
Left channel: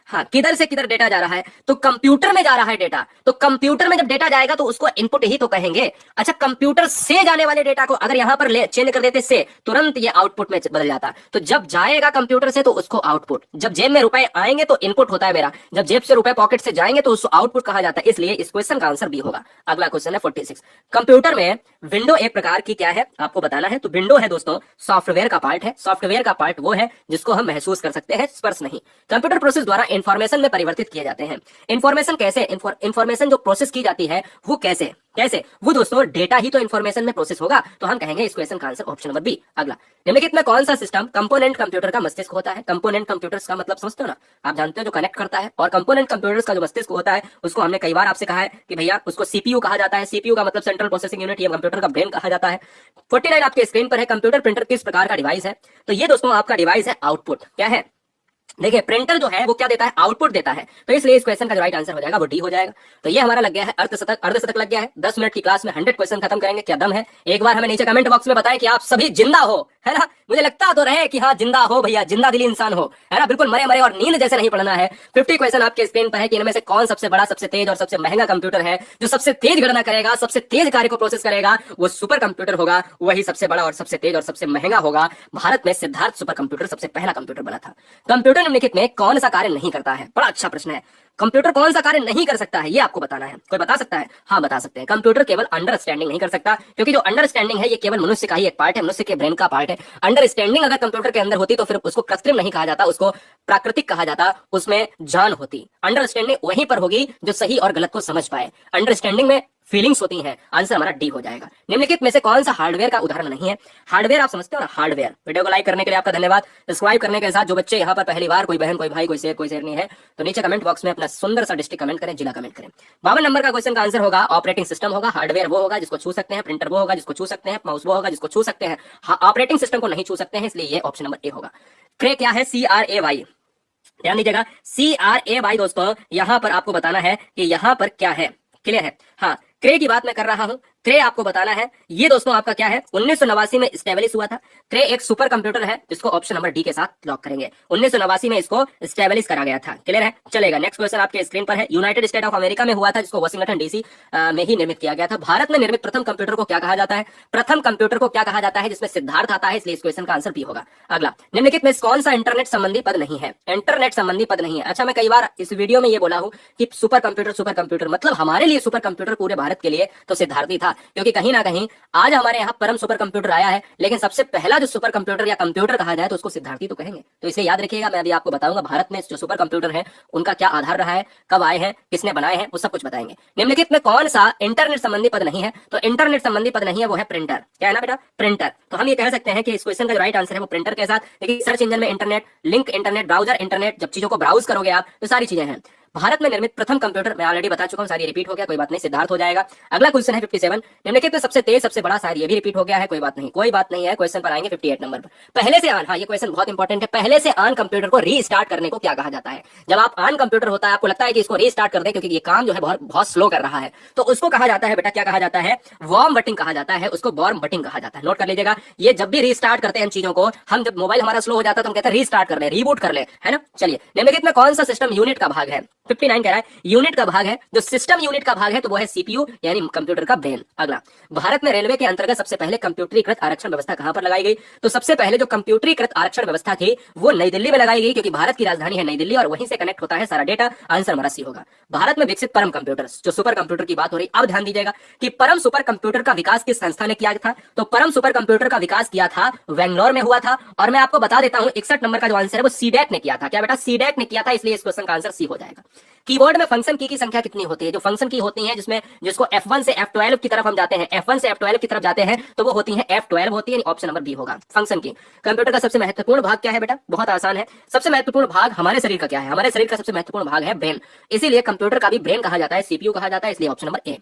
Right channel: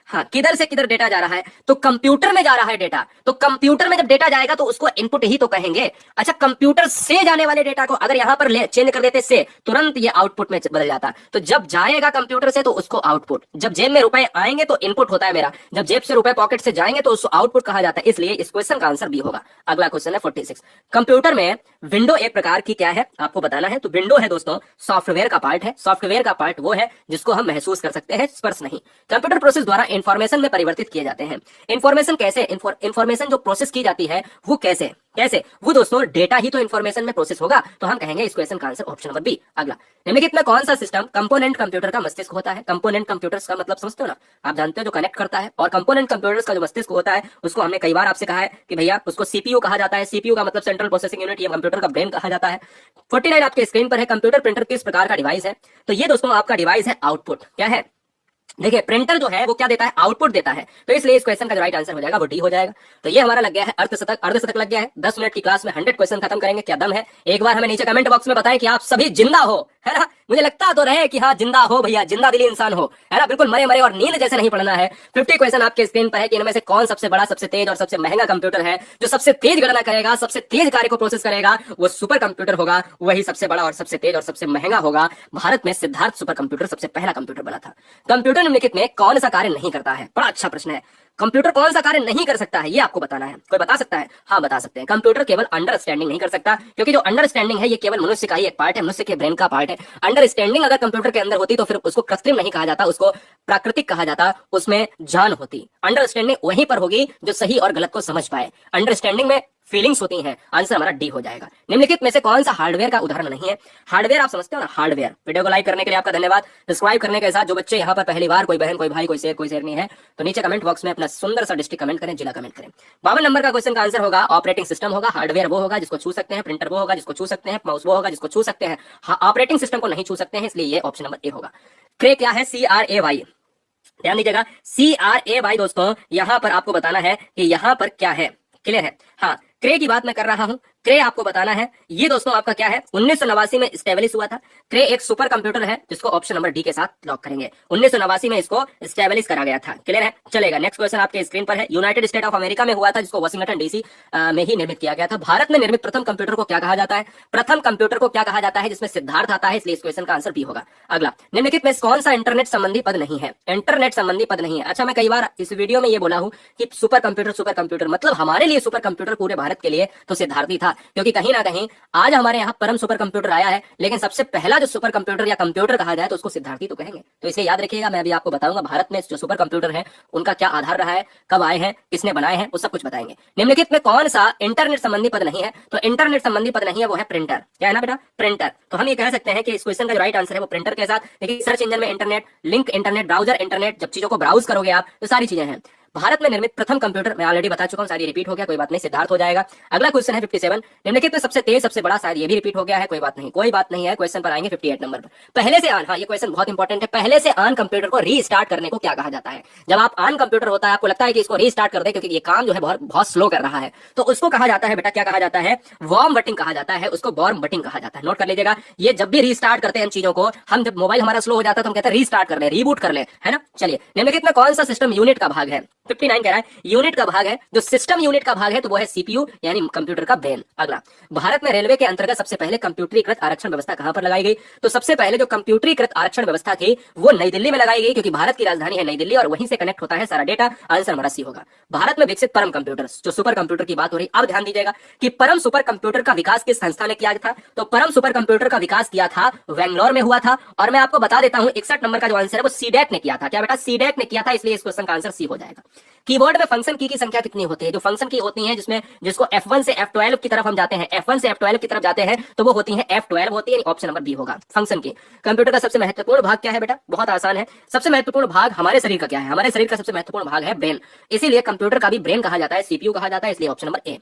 हाँ किधर से किधर डेटा जा रहा है, तो कंप्यूटर में जा रहा है डेटा, तो कंप्यूटर में जब डेटा जाएगा तो उसको इनपुट ही तो कहेंगे। अच्छा कंप्यूटर से जाने वाले डेटा को अगर यहां पर चेंज कर देते से, तुरंत ये आउटपुट में बदल जाता। तो जब जाएगा कंप्यूटर से तो उसको आउटपुट, जब जेब में रुपए आएंगे तो इनपुट होता है मेरा, जब जेब से रुपए पॉकेट से जाएंगे तो उसको आउटपुट कहा जाता है, इसलिए इस क्वेश्चन का आंसर बी होगा। अगला क्वेश्चन है 46, कंप्यूटर में विंडो एक प्रकार की क्या है आपको बताना है। तो विंडो है दोस्तों सॉफ्टवेयर का पार्ट है। सॉफ्टवेयर का पार्ट वो है जिसको हम महसूस कर सकते हैं, स्पर्श नहीं। कंप्यूटर प्रोसेस द्वारा इंफॉर्मेशन में परिवर्तित किए जाते हैं। इंफॉर्मेशन कैसे, इंफॉर्मेशन जो प्रोसेस की जाती है वो कैसे वो दोस्तों डेटा ही तो इंफॉर्मेशन में प्रोसेस होगा, तो हम कहेंगे इस क्वेश्चन का आंसर ऑप्शन नंबर बी। अगला, निम्नलिखित में कौन सा सिस्टम कंपोनेंट कंप्यूटर का मस्तिष्क होता है। कंपोनेंट कंप्यूटर्स का मतलब समझते हो ना, आप जानते हो जो कनेक्ट करता है, और कंपोनेंट कंप्यूटर्स का जो मस्तिष्क होता है उसको हमने कई बार आपसे कहा है कि भैया उसको सीपीयू कहा जाता है। सीपीयू का मतलब सेंट्रल प्रोसेसिंग यूनिट, या कंप्यूटर का ब्रेन कहा जाता है। 49 आपके स्क्रीन पर है, कंप्यूटर प्रिंटर किस प्रकार का डिवाइस है। तो ये दोस्तों आपका डिवाइस है आउटपुट, क्या है देखिए प्रिंटर जो है वो क्या देता है, आउटपुट देता है, तो इसलिए इस क्वेश्चन का जो राइट आंसर हो जाएगा वो डी हो जाएगा। तो ये हमारा लग गया है अर्धशतक, अर्धशतक लग गया है। 10 मिनट की क्लास में 100 क्वेश्चन खत्म करेंगे, क्या दम है। एक बार हमें नीचे कमेंट बॉक्स में बताएं कि आप सभी जिंदा हो, है ना, मुझे लगता तो रहे कि हाँ जिंदा हो भैया, जिंदा दिली इंसान हो, है ना, बिल्कुल मरे मरे और नींद जैसे नहीं पड़ना है। 50 क्वेश्चन आपके स्क्रीन पर है कि इनमें से कौन सबसे बड़ा, सबसे तेज और सबसे महंगा कंप्यूटर है। जो सबसे तेज गणना करेगा, सबसे तेज कार्य को प्रोसेस करेगा, वो सुपर कंप्यूटर होगा, वही सबसे बड़ा और सबसे तेज और सबसे महंगा होगा। भारत में सिद्धार्थ सुपर कंप्यूटर सबसे पहला कंप्यूटर बना था। कंप्यूटर निम्नलिखित में कौन सा कार्य नहीं करता है, बड़ा अच्छा प्रश्न है। कंप्यूटर कौन सा कार्य नहीं कर सकता है, ये आपको बताना है। कोई बता सकता है? हाँ बता सकते हैं। कंप्यूटर केवल अंडरस्टैंडिंग नहीं कर सकता, क्योंकि जो अंडरस्टैंडिंग है ये केवल मनुष्य का ही एक पार्ट है, मनुष्य के ब्रेन का पार्ट है। अंडरस्टैंडिंग अगर कंप्यूटर के अंदर होती तो फिर उसको कृत्रिम नहीं कहा जाता, उसको प्राकृतिक कहा जाता, उसमें जान होती। अंडरस्टैंडिंग वहीं पर होगी जो सही और गलत को समझ पाए। अंडरस्टैंडिंग में फीलिंग्स होती हैं। आंसर हमारा डी हो जाएगा। निम्नलिखित में से कौन सा हार्डवेयर का उदाहरण नहीं है? हार्डवेयर आप समझते हो ना, हार्डवेयर। वीडियो को लाइक करने के लिए आपका धन्यवाद, सब्सक्राइब करने के साथ जो बच्चे यहाँ पर पहली बार, कोई बहन, कोई भाई, कोई शेयर नहीं है, तो नीचे कमेंट बॉक्स में अपना सुंदर सा डिस्ट्रिक्ट कमेंट करें, जिला कमेंट करें। 52 नंबर का क्वेश्चन का आंसर होगा ऑपरेटिंग सिस्टम होगा। हार्डवेयर वो होगा जिसको छू सकते हैं, प्रिंटर वो होगा जिसको छू सकते हैं, माउस वो होगा जिसको छू सकते हैं। ऑपरेटिंग सिस्टम को नहीं छू सकते हैं, इसलिए ये ऑप्शन नंबर ए होगा। क्रे क्या है? CRAY, ध्यान दीजिएगा, CRAY दोस्तों, यहां पर आपको बताना है कि यहां पर क्या है। क्लियर है? हाँ, क्रे की बात मैं कर रहा हूं। क्रे आपको बताना है, ये दोस्तों आपका क्या है, 1989 में स्टेब्लिश हुआ था। क्रे एक सुपर कंप्यूटर है जिसको ऑप्शन नंबर डी के साथ लॉक करेंगे। 1989 में इसको स्टेब्लिश करा गया था। क्लियर है? चलेगा। नेक्स्ट क्वेश्चन आपके स्क्रीन पर है। यूनाइटेड स्टेट ऑफ अमेरिका में हुआ था, जिसको वाशिंगटन डीसी में ही निर्मित किया गया था। भारत में निर्मित प्रथम कंप्यूटर को क्या कहा जाता है? प्रथम कंप्यूटर को क्या कहा जाता है? जिसमें सिद्धार्थ आता है, इसलिए इस क्वेश्चन का आंसर बी होगा। अगला, निम्नलिखित में कौन सा इंटरनेट संबंधी पद नहीं है? इंटरनेट संबंधी पद नहीं है। अच्छा, मैं कई बार इस वीडियो में ये बोला हूं कि सुपर कंप्यूटर मतलब हमारे लिए सुपर कंप्यूटर पूरे भारत के लिए तो सिद्धार्थ ही था, क्योंकि कहीं ना कहीं आज हमारे यहाँ परम सुपर कंप्यूटर आया है, लेकिन सबसे पहला जो सुपर कंप्यूटर या कंप्यूटर कहा जाए तो उसको सिद्धार्थी तो कहेंगे। तो इसे याद रखिएगा। मैं अभी आपको बताऊंगा भारत में जो सुपर कंप्यूटर है उनका क्या आधार रहा है, कब आए हैं, किसने बनाए हैं, वो सब कुछ बताएंगे। निम्नलिखित में कौन सा इंटरनेट संबंधी पद नहीं है? तो इंटरनेट संबंधी पद नहीं है, वो है प्रिंटर। क्या है ना बेटा? प्रिंटर। तो हम ये कह सकते हैं कि इस क्वेश्चन का जो राइट आंसर है वो प्रिंटर के साथ, देखिए सर्च इंजन में internet, link internet, browser internet, जब चीजों को ब्राउज करोगे आप तो सारी चीजें हैं। भारत में निर्मित प्रथम कंप्यूटर मैं ऑलरेडी बता चुका हूं, शायद ये रिपीट हो गया, कोई बात नहीं, सिद्धार्थ हो जाएगा। अगला क्वेश्चन है 57। निम्नलिखित में सबसे तेज, सबसे बड़ा, शायद ये भी रिपीट हो गया है, कोई बात नहीं, कोई बात नहीं है। क्वेश्चन पर आएंगे 58 नंबर पर। पहले से ऑन, हाँ ये क्वेश्चन बहुत इंपॉर्टेंट है। पहले से ऑन कंप्यूटर को रीस्टार्ट करने को क्या कहा जाता है? जब आप ऑन कंप्यूटर होता है, आपको लगता है कि इसको रीस्टार्ट कर दे क्योंकि ये काम जो है बहुत स्लो कर रहा है, तो उसको कहा जाता है बेटा, क्या कहा जाता है? वार्म बटिंग कहा जाता है, उसको वार्म बटिंग कहा जाता है। नोट कर लीजिएगा, ये जब भी रीस्टार्ट करते हैं चीजों को, हम जब मोबाइल हमारा स्लो हो जाता है तो हम कहते हैं रीस्टार्ट कर ले, रीबूट कर ले, है ना। चलिए, निम्नलिखित में कौन सा सिस्टम यूनिट का भाग है? 59 कह रहा है यूनिट का भाग है। जो सिस्टम यूनिट का भाग है तो वो है सीपीयू, यानी कंप्यूटर का ब्रेन। अगला, भारत में रेलवे के अंतर्गत सबसे पहले कंप्यूटरीकृत आरक्षण व्यवस्था कहां पर लगाई गई? तो सबसे पहले जो कंप्यूटरीकृत आरक्षण व्यवस्था थी वो नई दिल्ली में लगाई गई, क्योंकि भारत की राजधानी है नई दिल्ली और वहीं से कनेक्ट होता है सारा डेटा। आंसर हमारा सी होगा। भारत में विकसित परम कंप्यूटर, जो सुपर कंप्यूटर की बात हो रही, अब ध्यान दीजिएगा कि परम सुपर कंप्यूटर का विकास किस संस्था ने किया था? तो परम सुपर कंप्यूटर का विकास किया था बेंगलोर में हुआ था। और मैं आपको बता देता हूं 61 नंबर का जो आंसर है वो सीडेक ने किया था। क्या बेटा? सीडेक ने किया था, इसलिए इस क्वेश्चन का आंसर सी हो जाएगा। कीबोर्ड में फंक्शन की संख्या कितनी होती है? जो फंक्शन की होती है जिसमें जिसको F1 से F12 की तरफ हम जाते हैं, F1 से F12 की तरफ जाते हैं तो वो होती है F12 होती है, ऑप्शन नंबर बी होगा फंक्शन की। कंप्यूटर का सबसे महत्वपूर्ण भाग क्या है बेटा? बहुत आसान है। सबसे महत्वपूर्ण भाग हमारे शरीर का क्या है? हमारे शरीर का सबसे महत्वपूर्ण भाग है ब्रेन, इसीलिए कंप्यूटर का भी ब्रेन कहा जाता है, सीपीयू कहा जाता है, इसलिए ऑप्शन नंबर ए।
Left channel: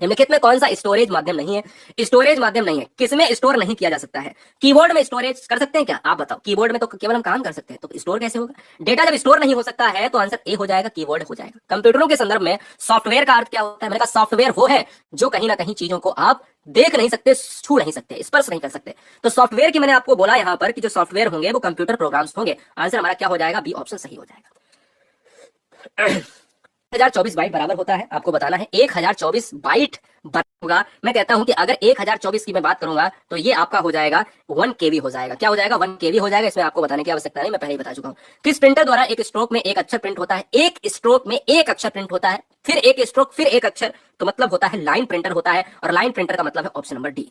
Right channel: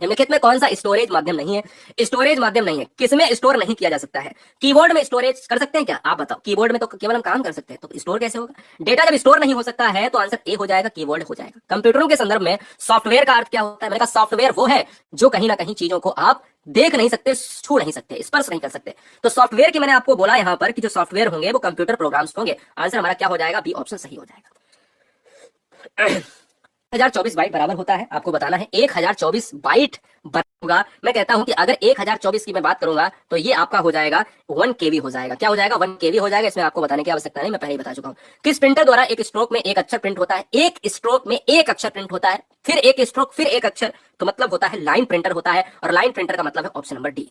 निम्नलिखित में कौन सा स्टोरेज माध्यम नहीं है? स्टोरेज माध्यम नहीं है, किसमें स्टोर नहीं किया जा सकता है? कीबोर्ड में स्टोरेज कर सकते हैं क्या? आप बताओ। कीबोर्ड में तो केवल हम काम कर सकते हैं, तो स्टोर कैसे होगा? डेटा जब स्टोर नहीं हो सकता है तो आंसर ए हो जाएगा, कीबोर्ड हो जाएगा। कंप्यूटरों के संदर्भ में सॉफ्टवेयर का अर्थ क्या होता है? मैंने कहा सॉफ्टवेयर वो है जो कहीं ना कहीं चीजों को आप देख नहीं सकते, छू नहीं सकते, स्पर्श नहीं कर सकते। तो सॉफ्टवेयर की मैंने आपको बोला यहां पर कि जो सॉफ्टवेयर होंगे वो कंप्यूटर प्रोग्राम्स होंगे। आंसर हमारा क्या हो जाएगा? बी ऑप्शन सही हो जाएगा। 1024 बाइट बराबर होता है, आपको बताना है 1024 बाइट होगा। मैं कहता हूं कि अगर 1024 की मैं बात करूंगा तो ये आपका हो जाएगा 1 केवी हो जाएगा। क्या हो जाएगा? 1 केवी हो जाएगा। इसमें आपको बताने की आवश्यकता नहीं, मैं पहले ही बता चुका हूं। किस प्रिंटर द्वारा एक स्ट्रोक में एक अक्षर प्रिंट होता है? एक स्ट्रोक में एक अक्षर प्रिंट होता है, फिर एक स्ट्रोक, फिर एक अक्षर, तो मतलब होता है लाइन प्रिंटर होता है, और लाइन प्रिंटर का मतलब है ऑप्शन नंबर डी।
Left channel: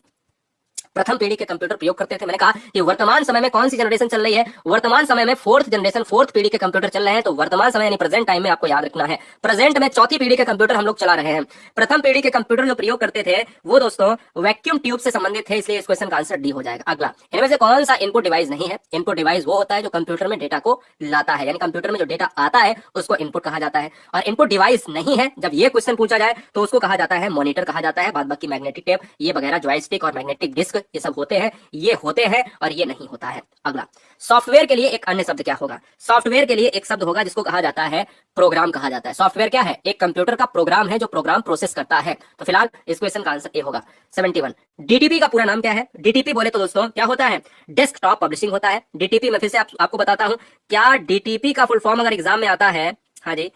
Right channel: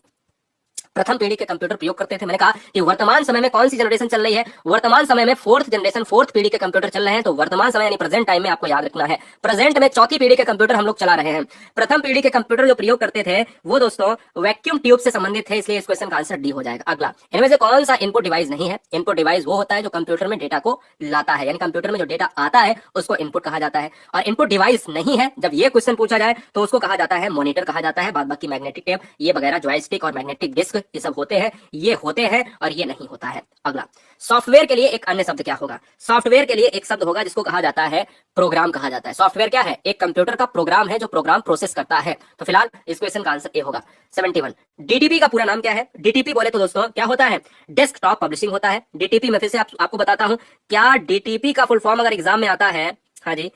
प्रथम पीढ़ी के कंप्यूटर प्रयोग करते थे। मैंने कहा कि वर्तमान समय में कौन सी जनरेशन चल रही है? वर्तमान समय में फोर्थ जनरेशन, फोर्थ पीढ़ी के कंप्यूटर चल रहे हैं। तो वर्तमान समय यानी प्रेजेंट टाइम में आपको याद रखना है, प्रेजेंट में चौथी पीढ़ी के कंप्यूटर हम लोग चला रहे हैं। प्रथम पीढ़ी के कंप्यूटर जो प्रयोग करते थे वो दोस्तों वैक्यूम ट्यूब से संबंधित थे, इसलिए इस क्वेश्चन का आंसर डी हो जाएगा। अगला, इनमें से कौन सा इनपुट डिवाइस नहीं है? इनपुट डिवाइस वो होता है जो कंप्यूटर में डेटा को लाता है, यानी कंप्यूटर में जो डेटा आता है उसको इनपुट कहा जाता है। और इनपुट डिवाइस नहीं है, जब ये क्वेश्चन पूछा जाए तो उसको कहा जाता है मॉनिटर कहा जाता है। बाद बाकी मैग्नेटिक टेप ये वगैरह, जॉयस्टिक और मैग्नेटिक डिस्क ये सब होते हैं, ये होते हैं और ये नहीं होता है। अगला, सॉफ्टवेयर के लिए एक अन्य शब्द क्या होगा? सॉफ्टवेयर के लिए एक शब्द होगा जिसको कहा जाता है प्रोग्राम कहा जाता है। सॉफ्टवेयर क्या है? एक कंप्यूटर का प्रोग्राम है जो प्रोग्राम प्रोसेस करता है। तो फिलहाल इस क्वेश्चन का आंसर ए होगा। 71, डीटीपी का पूरा नाम क्या है? डीटीपी बोले तो दोस्तों क्या होता है? डेस्कटॉप पब्लिशिंग होता है। डीटीपी में फिर से आपको बताता हूं, क्या डीटीपी का फुल फॉर्म अगर एग्जाम में आता है, हाँ जी,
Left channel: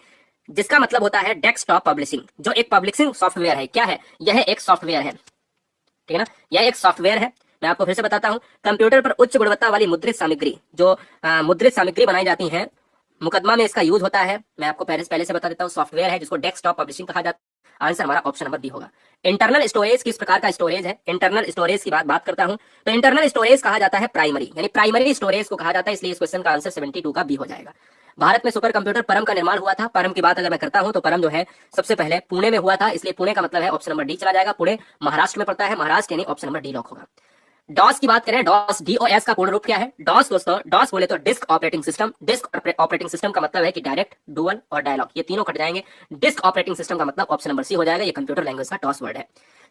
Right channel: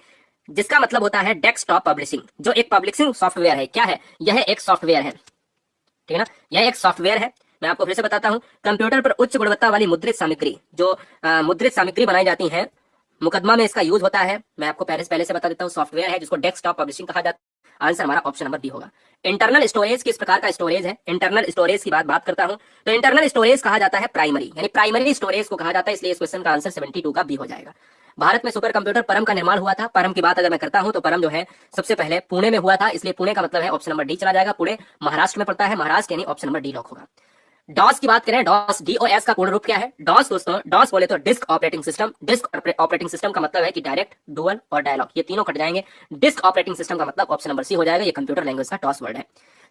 जिसका मतलब होता है डेस्कटॉप पब्लिशिंग, जो एक पब्लिशिंग सॉफ्टवेयर है। क्या है? यह एक सॉफ्टवेयर है, ठीक है ना, यह एक सॉफ्टवेयर है। मैं आपको फिर से बताता हूं, कंप्यूटर पर उच्च गुणवत्ता वाली मुद्रित सामग्री, जो मुद्रित सामग्री बनाई जाती है, मुकदमा में इसका यूज होता है। मैं आपको पहले से बता देता हूं, सॉफ्टवेयर है जिसको डेस्कटॉप पब्लिशिंग कहा जाता है। आंसर हमारा ऑप्शन नंबर डी होगा। इंटरनल स्टोरेज किस प्रकार का स्टोरेज है? इंटरनल स्टोरेज की बात करता हूं तो इंटरनल स्टोरेज कहा जाता है प्राइमरी, यानी प्राइमरी स्टोरेज को कहा जाता है, इसलिए इस क्वेश्चन का आंसर 72 का बी हो जाएगा। भारत में सुपर कंप्यूटर परम का निर्माण हुआ था। परम की बात अगर मैं करता हूं तो परम जो है सबसे पहले पुणे में हुआ था, इसलिए पुणे का मतलब है ऑप्शन नंबर डी चला जाएगा। पुणे महाराष्ट्र में पड़ता है, महाराष्ट्र यानी ऑप्शन नंबर डी लॉक होगा। डॉस की बात करें, डॉस डीओएस का पूर्ण रूप क्या है? डॉस दोस्तों, डॉस बोले तो disk operating system. Disk operating system का मतलब है कि डायरेक्ट, डुअल और डायलॉग, ये तीनों कट जाएंगे। डिस्क ऑपरेटिंग सिस्टम का मतलब ऑप्शन नंबर सी हो जाएगा। ये कंप्यूटर लैंग्वेज का डॉस वर्ड है।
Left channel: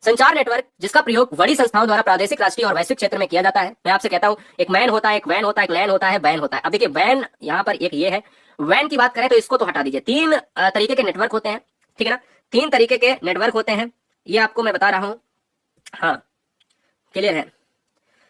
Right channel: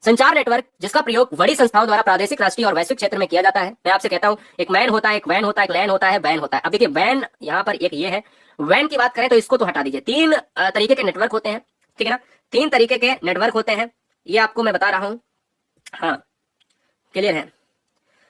संचार नेटवर्क जिसका प्रयोग बड़ी संस्थाओं द्वारा प्रादेशिक, राष्ट्रीय और वैश्विक क्षेत्र में किया जाता है। मैं आपसे कहता हूं, एक मैन होता है, एक वैन होता है, एक लैन होता है, बैन होता है। अब देखिए वैन, यहां पर एक ये है। वैन की बात करें तो इसको तो हटा दीजिए। तीन तरीके के नेटवर्क होते हैं, ठीक है ना, तीन तरीके के नेटवर्क होते हैं, ये आपको मैं बता रहा हूं। हाँ, क्लियर है।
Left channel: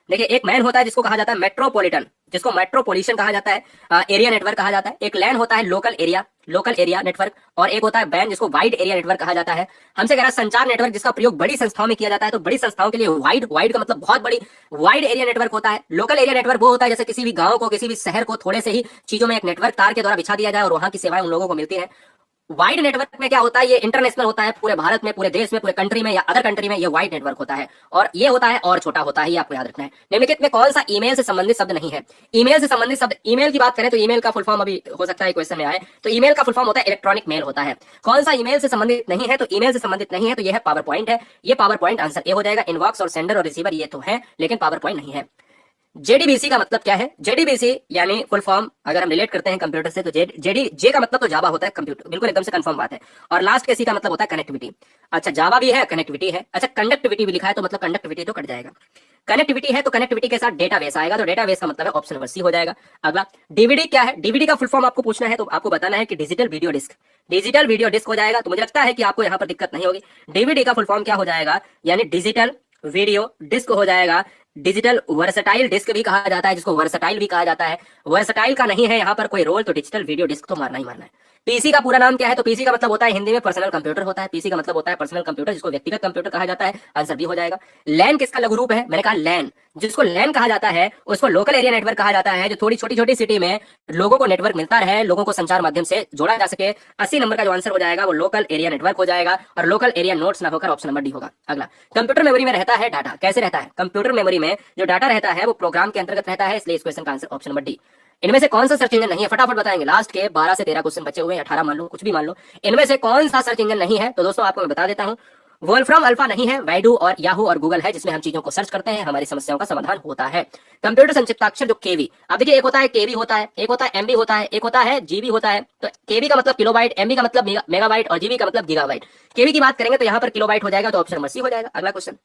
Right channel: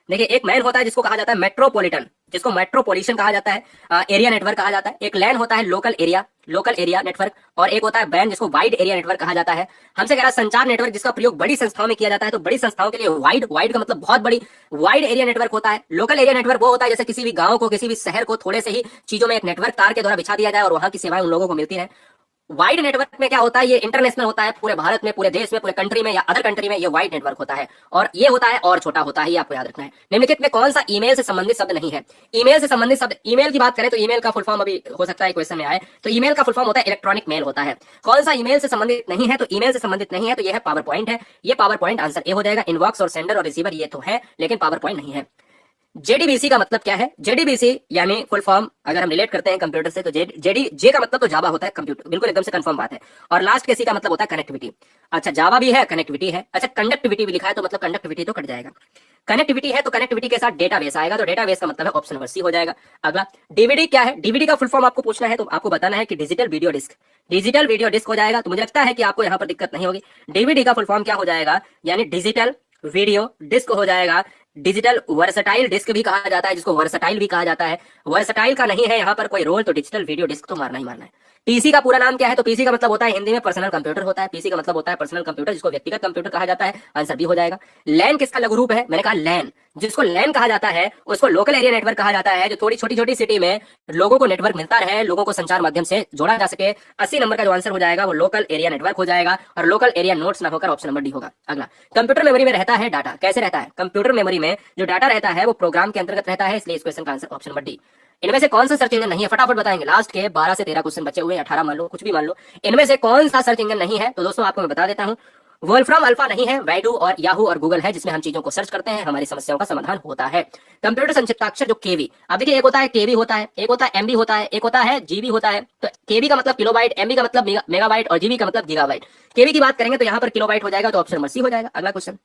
देखिए, एक मैन होता है जिसको कहा जाता है मेट्रोपॉलिटन, जिसको मेट्रोपॉलिटन कहा जाता है, एरिया नेटवर्क कहा जाता है। एक लैन होता है लोकल एरिया नेटवर्क, और एक होता है बैन जिसको वाइड एरिया नेटवर्क कहा जाता है। हमसे कह रहा है संचार नेटवर्क जिसका प्रयोग बड़ी संस्थाओं में किया जाता है, तो बड़ी संस्थाओं के लिए वाइड का मतलब बहुत बड़ी, वाइड एरिया नेटवर्क होता है। लोकल एरिया नेटवर्क वो होता है जैसे किसी भी गांव को, किसी भी शहर को थोड़े से ही चीजों में एक नेटवर्क तार के द्वारा बिछा दिया जाए और वहां की सेवाएं उन लोगों को मिलती है। वाइड नेटवर्क में क्या होता है? ये इंटरनेशनल होता है, पूरे भारत में, पूरे देश में, पूरे कंट्री में या अदर कंट्री में ये वाइड नेटवर्क होता है। और ये होता है और छोटा होता है, ये आपको याद रखना है। निम्नलिखित में कौन सा ईमेल से संबंधित शब्द नहीं है? ईमेल से संबंधित शब्द, ईमेल की बात करें तो ईमेल का फुल फॉर्म अभी हो सकता है क्वेश्चन में आए, तो ईमेल का फुल फॉर्म होता है इलेक्ट्रॉनिक मेल होता है। कौन सा ईमेल से संबंधित नहीं है? तो ईमेल से संबंधित नहीं है तो यह है पावर पॉइंट है। ये पावर पॉइंट आंसर ए हो जाएगा। इनबॉक्स और सेंडर और रिसीवर ये तो है, लेकिन पावर पॉइंट नहीं है। जेडीबीसी का मतलब क्या है? जेडीबीसी यानी फुल फॉर्म अगर हम रिलेट करते हैं कंप्यूटर से तो जे का मतलब तो जावा होता है, कंप्यूटर, बिल्कुल एकदम से कंफर्म बात है। और लास्ट के सी का मतलब होता है कनेक्टिविटी। अच्छा, जावा भी है, कनेक्टिविटी है। अच्छा, कंडक्टिविटी भी लिखा है तो मतलब कंडक्टिविटी तो कट जाएगा। कनेक्टिविटी है तो कनेक्टिविटी के साथ डेटाबेस आएगा, तो डेटाबेस का मतलब है ऑप्शन नंबर सी हो जाएगा। अगला, डीवीडी क्या है? डीवीडी का फुल फॉर्म आपको पूछना है तो आपको बताना है कि digital video disc. Digital video disc हो जाएगा, तो मुझे लगता है कि आपको यहाँ पर दिक्कत नहीं होगी। डीवीडी का फुल फॉर्म क्या हो जाएगा? यानी डिजिटल वीडियो डिस्क हो जाएगा। डिजिटल वर्सटाइल डिस्क भी कहा जाता है, जिसको वर्सटाइल भी कहा जाता है। वर्सटाइल का नहीं है यहाँ पर कोई रोल, तो डिजिटल वीडियो डिस्क तो मारना ही मारना है। पीसी का पूरा नाम क्या है? तो पीसी का मतलब होता है हिंदी में पर्सनल कंप्यूटर होता है। पीसी का मतलब होता है पर्सनल कंप्यूटर, जिसको व्यक्तिगत कंप्यूटर कहा जाता है। आंसर बी हो जाएगा। लैन किसका लघु रूप है? मैंने कहा लैन, जिसको लैन कहा जाता है उसको लोकल एरिया नेटवर्क कहा जाता है, जो थोड़ी छोटी छोटी सिटी में लोगों को नेटवर्क मिलता रहे, लोगों को संचार माध्यम से जोड़ा जा सके। 80 नंबर का जो आंसर हो जाएगा वो लोकल एरिया नेटवर्क हो जाएगा, और लोकल एरिया नोट्स ना होकर ऑप्शन नंबर डी होगा। अगला, कंप्यूटर मेमोरी में रहता है डाटा। कैसे रहता है? कंप्यूटर मेमोरी में जो डाटा रहता है वो प्रोग्राम के अंतर्गत रहता है, इसलिए इस क्वेश्चन का आंसर ऑप्शन नंबर डी। इनमें से कौन सा सर्च इंजन नहीं है? फटाफट बताएंगे, लास्ट के 12 से 13 क्वेश्चन बचे हुए, 18 मान लो, कुछ भी मान लो। इनमें से कौन सा सर्च इंजन नहीं है? तो दोस्तों आपको मैं बता देता हूं, वोल्फ्राम अल्फा नहीं है, वैडू और याहू और गूगल है, जिसमें हम चीजों को सर्च करते हैं, हमारी समस्याओं का समाधान होता है। कंप्यूटर संक्षिप्ताक्षर जो केवी, अब देखिए एक होता है केवी होता है, एक होता है एमबी होता है, एक होता है जीबी होता है। तो केवी का मतलब किलोबाइट, एमबी का मतलब मेगाबाइट और जीबी का मतलब गीगाबाइट। केवी की बात करेंगे तो यहाँ पर किलोबाइट हो जाएगा, तो ऑप्शन नंबर सी हो जाएगा। अगला क्वेश्चन,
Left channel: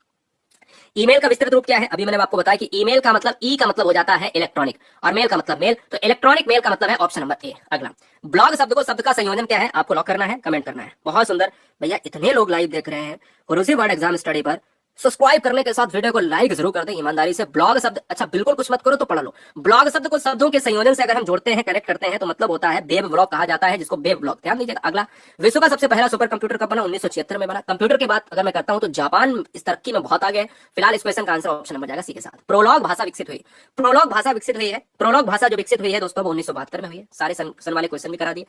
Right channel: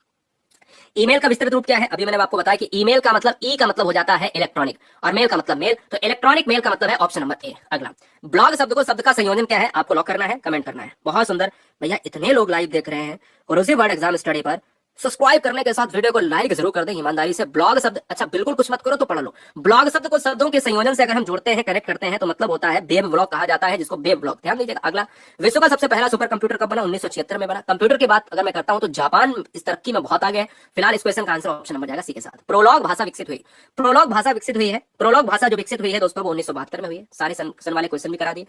ईमेल का विस्तृत रूप क्या है? अभी मैंने आपको बताया कि ईमेल का मतलब ई का मतलब हो जाता है इलेक्ट्रॉनिक, और मेल का मतलब मेल, तो इलेक्ट्रॉनिक मेल का मतलब है ऑप्शन नंबर ए। अगला, ब्लॉग शब्द का संयोजन क्या है? आपको लॉक करना है, कमेंट करना है। बहुत सुंदर भैया, इतने लोग लाइव देख रहे हैं गुरुजी वर्ड एग्जाम स्टडी पर, सब्सक्राइब करने के साथ वीडियो को लाइक जरूर कर दें ईमानदारी से। ब्लॉग शब्द, अच्छा बिल्कुल कुछ मत करो तो पढ़ लो। ब्लॉग शब्द को शब्दों के संयोजन से अगर हम जोड़ते हैं, कनेक्ट करते हैं, तो मतलब होता है वेब ब्लॉग कहा जाता है, जिसको वेब ब्लॉग, ध्यान दीजिएगा। अगला, विश्व का सबसे पहला सुपर कंप्यूटर कब बना? 1976 में बना। कंप्यूटर की बात अगर मैं करता हूं तो जापान इस तरक्की में बहुत आगे है। फिलहाल इस क्वेश्चन का आंसर ऑप्शन नंबर जाएगा सी के साथ। प्रोलॉग भाषा विकसित हुई। प्रोलॉग भाषा विकसित हुई है, प्रोलॉग भाषा जो विकसित हुई है दोस्तों वो 1972 में हुई है। सारे सन वाले क्वेश्चन भी करा दिए।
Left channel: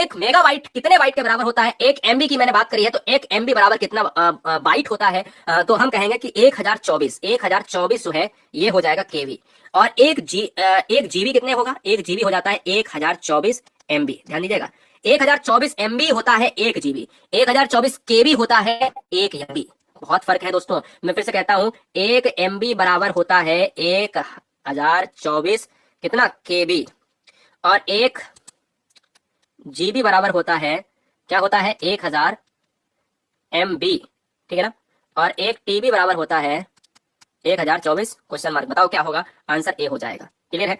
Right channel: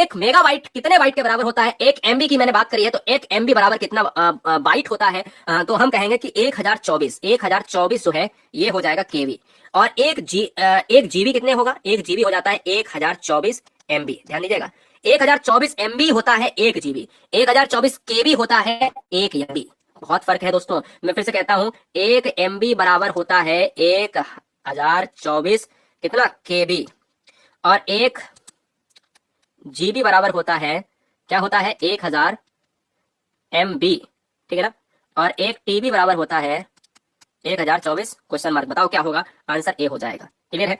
एक मेगाबाइट कितने बाइट के बराबर होता है? एक एमबी की मैंने बात करी है, तो एक एमबी बराबर कितना बाइट होता है? तो हम कहेंगे कि 1024 जो है ये हो जाएगा केवी। और एक जीबी कितने होगा? एक जीबी हो जाता है 1024 एमबी। ध्यान दीजिएगा, 1024 एमबी होता है एक जीबी, 1024 केबी होता है एक एमबी। बहुत फर्क है दोस्तों। मैं फिर से कहता हूं, एक एमबी बराबर होता है 1024 कितना केबी, और एक जीबी बराबर होता है, क्या होता है? 1000 एमबी, ठीक है ना। और एक टीबी बराबर होता है 1024 क्वेश्चन मार्क, बताओ क्या होगा, आंसर ए हो जाएगा। क्लियर है?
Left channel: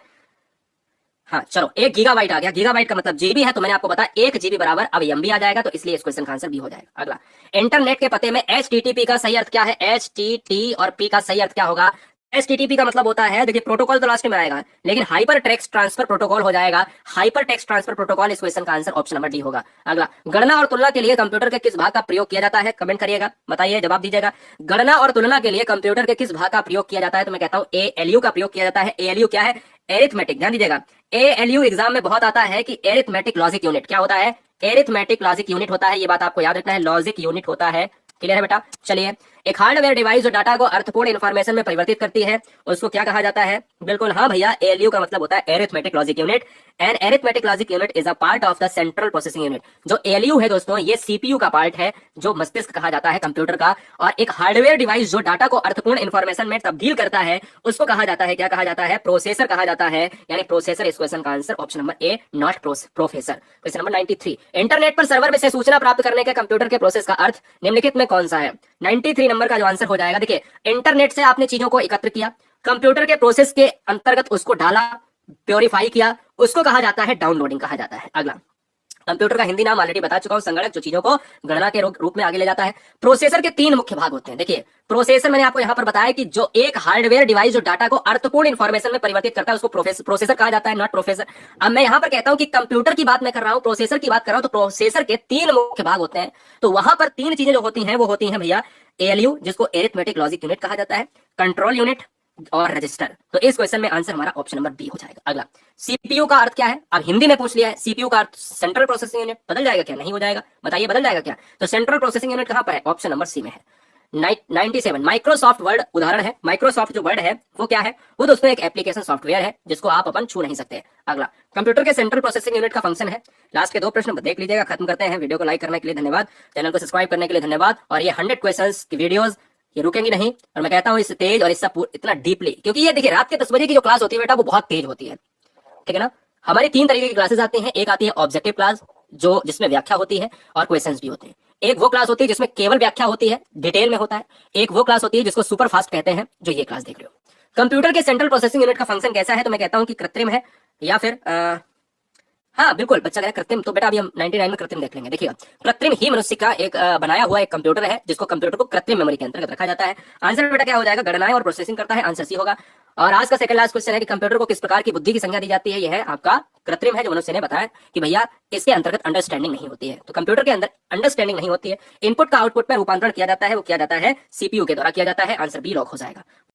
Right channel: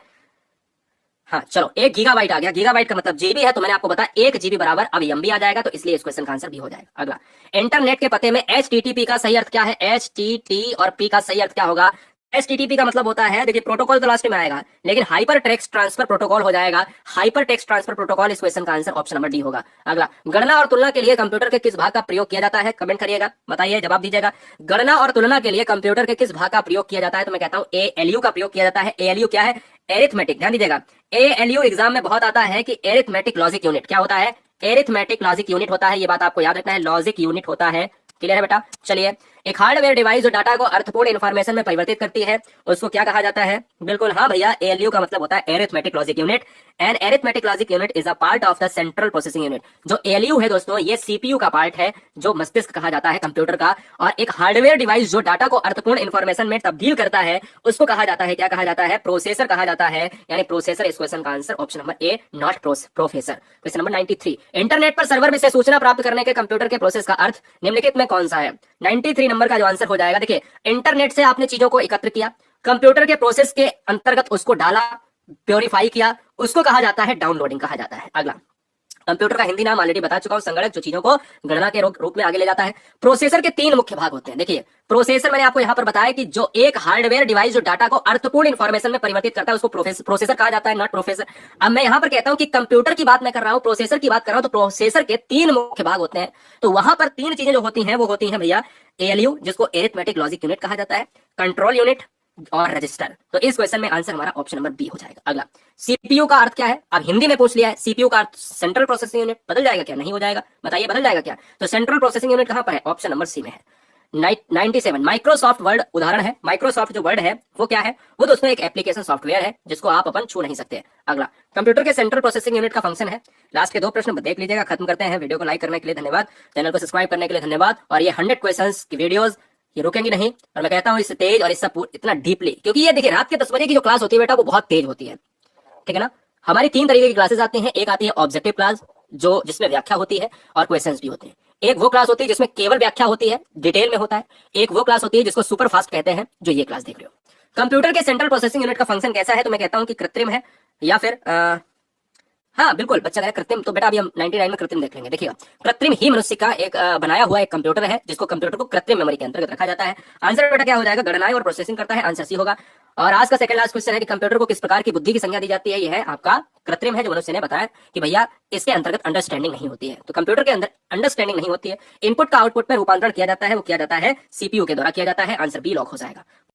हाँ चलो, 1 गीगाबाइट आ गया, गीगाबाइट का मतलब जीबी है, तो मैंने आपको बताया 1 GB बराबर अब एमबी आ जाएगा, तो इसलिए इस क्वेश्चन का आंसर बी हो जाएगा। अगला, इंटरनेट के पते में HTTP का सही अर्थ क्या है? HTT और P का सही अर्थ क्या होगा? HTTP का मतलब होता है, देखिए प्रोटोकॉल तो लास्ट में आएगा, लेकिन हाइपर टेक्स्ट ट्रांसफर प्रोटोकॉल हो जाएगा। हाइपर टेक्स्ट ट्रांसफर प्रोटोकॉल, इस क्वेश्चन का आंसर ऑप्शन नंबर डी होगा। अगला, गणना और तुलना के लिए कंप्यूटर के किस भाग का प्रयोग किया जाता है? कमेंट करिएगा, बताइए, जवाब दीजिएगा। गणना और तुलना के लिए कंप्यूटर के किस भाग का प्रयोग किया जाता है? तो मैं कहता हूँ ALU का प्रयोग किया जाता है। ALU क्या है? एरिथमेटिक, ध्यान दीजिएगा। ALU एग्जाम में बहुत आता है कि एरिथमेटिक लॉजिक यूनिट क्या होता है? एरिथमेटिक लॉजिक यूनिट होता है, ये बात आपको याद रखना है, लॉजिक यूनिट होता है। क्लियर है बेटा? चलिए, एक हार्डवेयर डिवाइस जो डाटा को अर्थपूर्ण इंफॉर्मेशन में परिवर्तित करती है, उसको क्या कहा जाता है? बिल्कुल हाँ भैया, ALU का मतलब होता है arithmetic logic unit. And arithmetic logic unit is a part of the central processing unit. जो ALU है दोस्तों, ये CPU का पार्ट है, जो मस्तिष्क कहा जाता है कंप्यूटर का। और एक हार्डवेयर डिवाइस जो डाटा को अर्थपूर्ण इंफॉर्मेशन में तब्दील करता है, उसको कहा जाता है, क्या कहा जाता है? प्रोसेसर कहा जाता है, यानी प्रोसेसर। इस क्वेश्चन का answer option number A, not professor. Question number 93, internet पर सर्वर में से सूचना प्राप्त करने के कंप्यूटर के प्रोसेस का अर्थ निम्नलिखित में कौन सा है? 93 नंबर का जो आंसर हो जाएगा, देखिए, इंटरनेट से आपने चीजों को एकत्र किया, कंप्यूटर के प्रोसेस के अंतर्गत उसको डाला, प्योरीफाई किया, उसको कहा जाता है डाउनलोडिंग कहा जाता है। अगला, कंप्यूटर का हिंदी नाम ऑलरेडी बता चुका हूं, संगणक जो चीजों को गणना के रूप में आगे ले जाता है। प्रोसेसर के 3 मुख्य भाग होते हैं। देखिए, प्रोसेसर मैंने आपको यहां पर बताया कि जो एक हार्डवेयर डिवाइस जो डाटा को अर्थपूर्ण इंफॉर्मेशन में परिवर्तित करता है, उसको प्रोसेसर कहा जाता है, नॉट प्रोफेसर। अब मैं यहां पर कहता हूं कि कंप्यूटर की बात मैं कर रहा हूं, प्रोसेसर की बात कर रहा हूं, तो प्रोसेसर के 3 मुख्य भाग होते हैं। तो वहां पर 3 चीजें जो होती हैं वो होती हैं भैया, ALU जिसको एरिथमेटिक लॉजिक यूनिट कहा जाता है, कंट्रोल यूनिट और रजिस्टर। तो इस क्वेश्चन में आंसर हमारा ऑप्शन नंबर बी हो जाएगा। अगला, CPU का अर्थ क्या है? अब हिंदी में पूछ लिया है, CPU का अर्थ सेंट्रल प्रोसेसिंग यूनिट। बदल जाएगा क्या? नहीं हो जाएगा, बताइए बदल जाएगा क्या? तो सेंट्रल प्रोसेसिंग यूनिट कहां पर है? ऑप्शन नंबर सी में है। 97, माइक्रोसॉफ्ट वर्ड उदाहरण है। माइक्रोसॉफ्ट जो वर्ड है वो क्या है? वो दोस्तों एक एप्लीकेशन सॉफ्टवेयर है, जिसको आप अपन छू नहीं सकते। अगला, कंप्यूटर के सेंट्रल प्रोसेसिंग यूनिट का फंक्शन है। लास्ट के 2 प्रश्न देख लीजिएगा, खत्म करते हैं। वीडियो को लाइक करने के लिए धन्यवाद, चैनल को सब्सक्राइब करने के लिए धन्यवाद। और ये 100 क्वेश्चंस की वीडियोस ये रुकेंगी नहीं, और मैं कहता हूँ इससे तेज और इससे इतना डीपली, क्योंकि ये देखिए रात के 10 बजे की जो क्लास होती है बेटा, वो बहुत तेज होती है, ठीक है ना? हमारी 3 तरीके की क्लासेस आती हैं। एक आती है ऑब्जेक्टिव क्लास, जो जिसमें व्याख्या होती है और क्वेश्चंस भी होते हैं। एक वो क्लास होती है जिसमें केवल व्याख्या होती है, डिटेल में होता है। एक वो क्लास होती है जिसको सुपर फास्ट कहते हैं, जो ये क्लास देख रहे हो। कंप्यूटर के सेंट्रल प्रोसेसिंग यूनिट का फंक्शन कैसा है? तो मैं कहता हूँ कि कृत्रिम है, या फिर हाँ बिल्कुल, बच्चा कह रहा है कृत्रिम, तो बेटा अभी हम 99 में कृत्रिम देख लेंगे। देखिएगा, कृत्रिम ही मनुष्य का एक बनाया हुआ एक कंप्यूटर है, जिसको कंप्यूटर को कृत्रिम मेमोरी के अंतर्गत रखा जाता है। आंसर बेटा क्या हो जाएगा? गणनाएं और प्रोसेसिंग करता है, आंसर सी होगा। और आज का सेकंड लास्ट क्वेश्चन है कि कंप्यूटर को किस प्रकार की बुद्धि की संज्ञा दी जाती है? यह है आपका कृत्रिम है, जो मनुष्य ने बताया कि भैया इसके अंतर्गत अंडरस्टैंडिंग नहीं होती है। तो कंप्यूटर के अंदर अंडरस्टैंडिंग नहीं होती है। इनपुट का आउटपुट में रूपांतरण किया जाता है, वो किया जाता है CPU के द्वारा किया जाता है। आंसर बी लॉक हो जाएगा।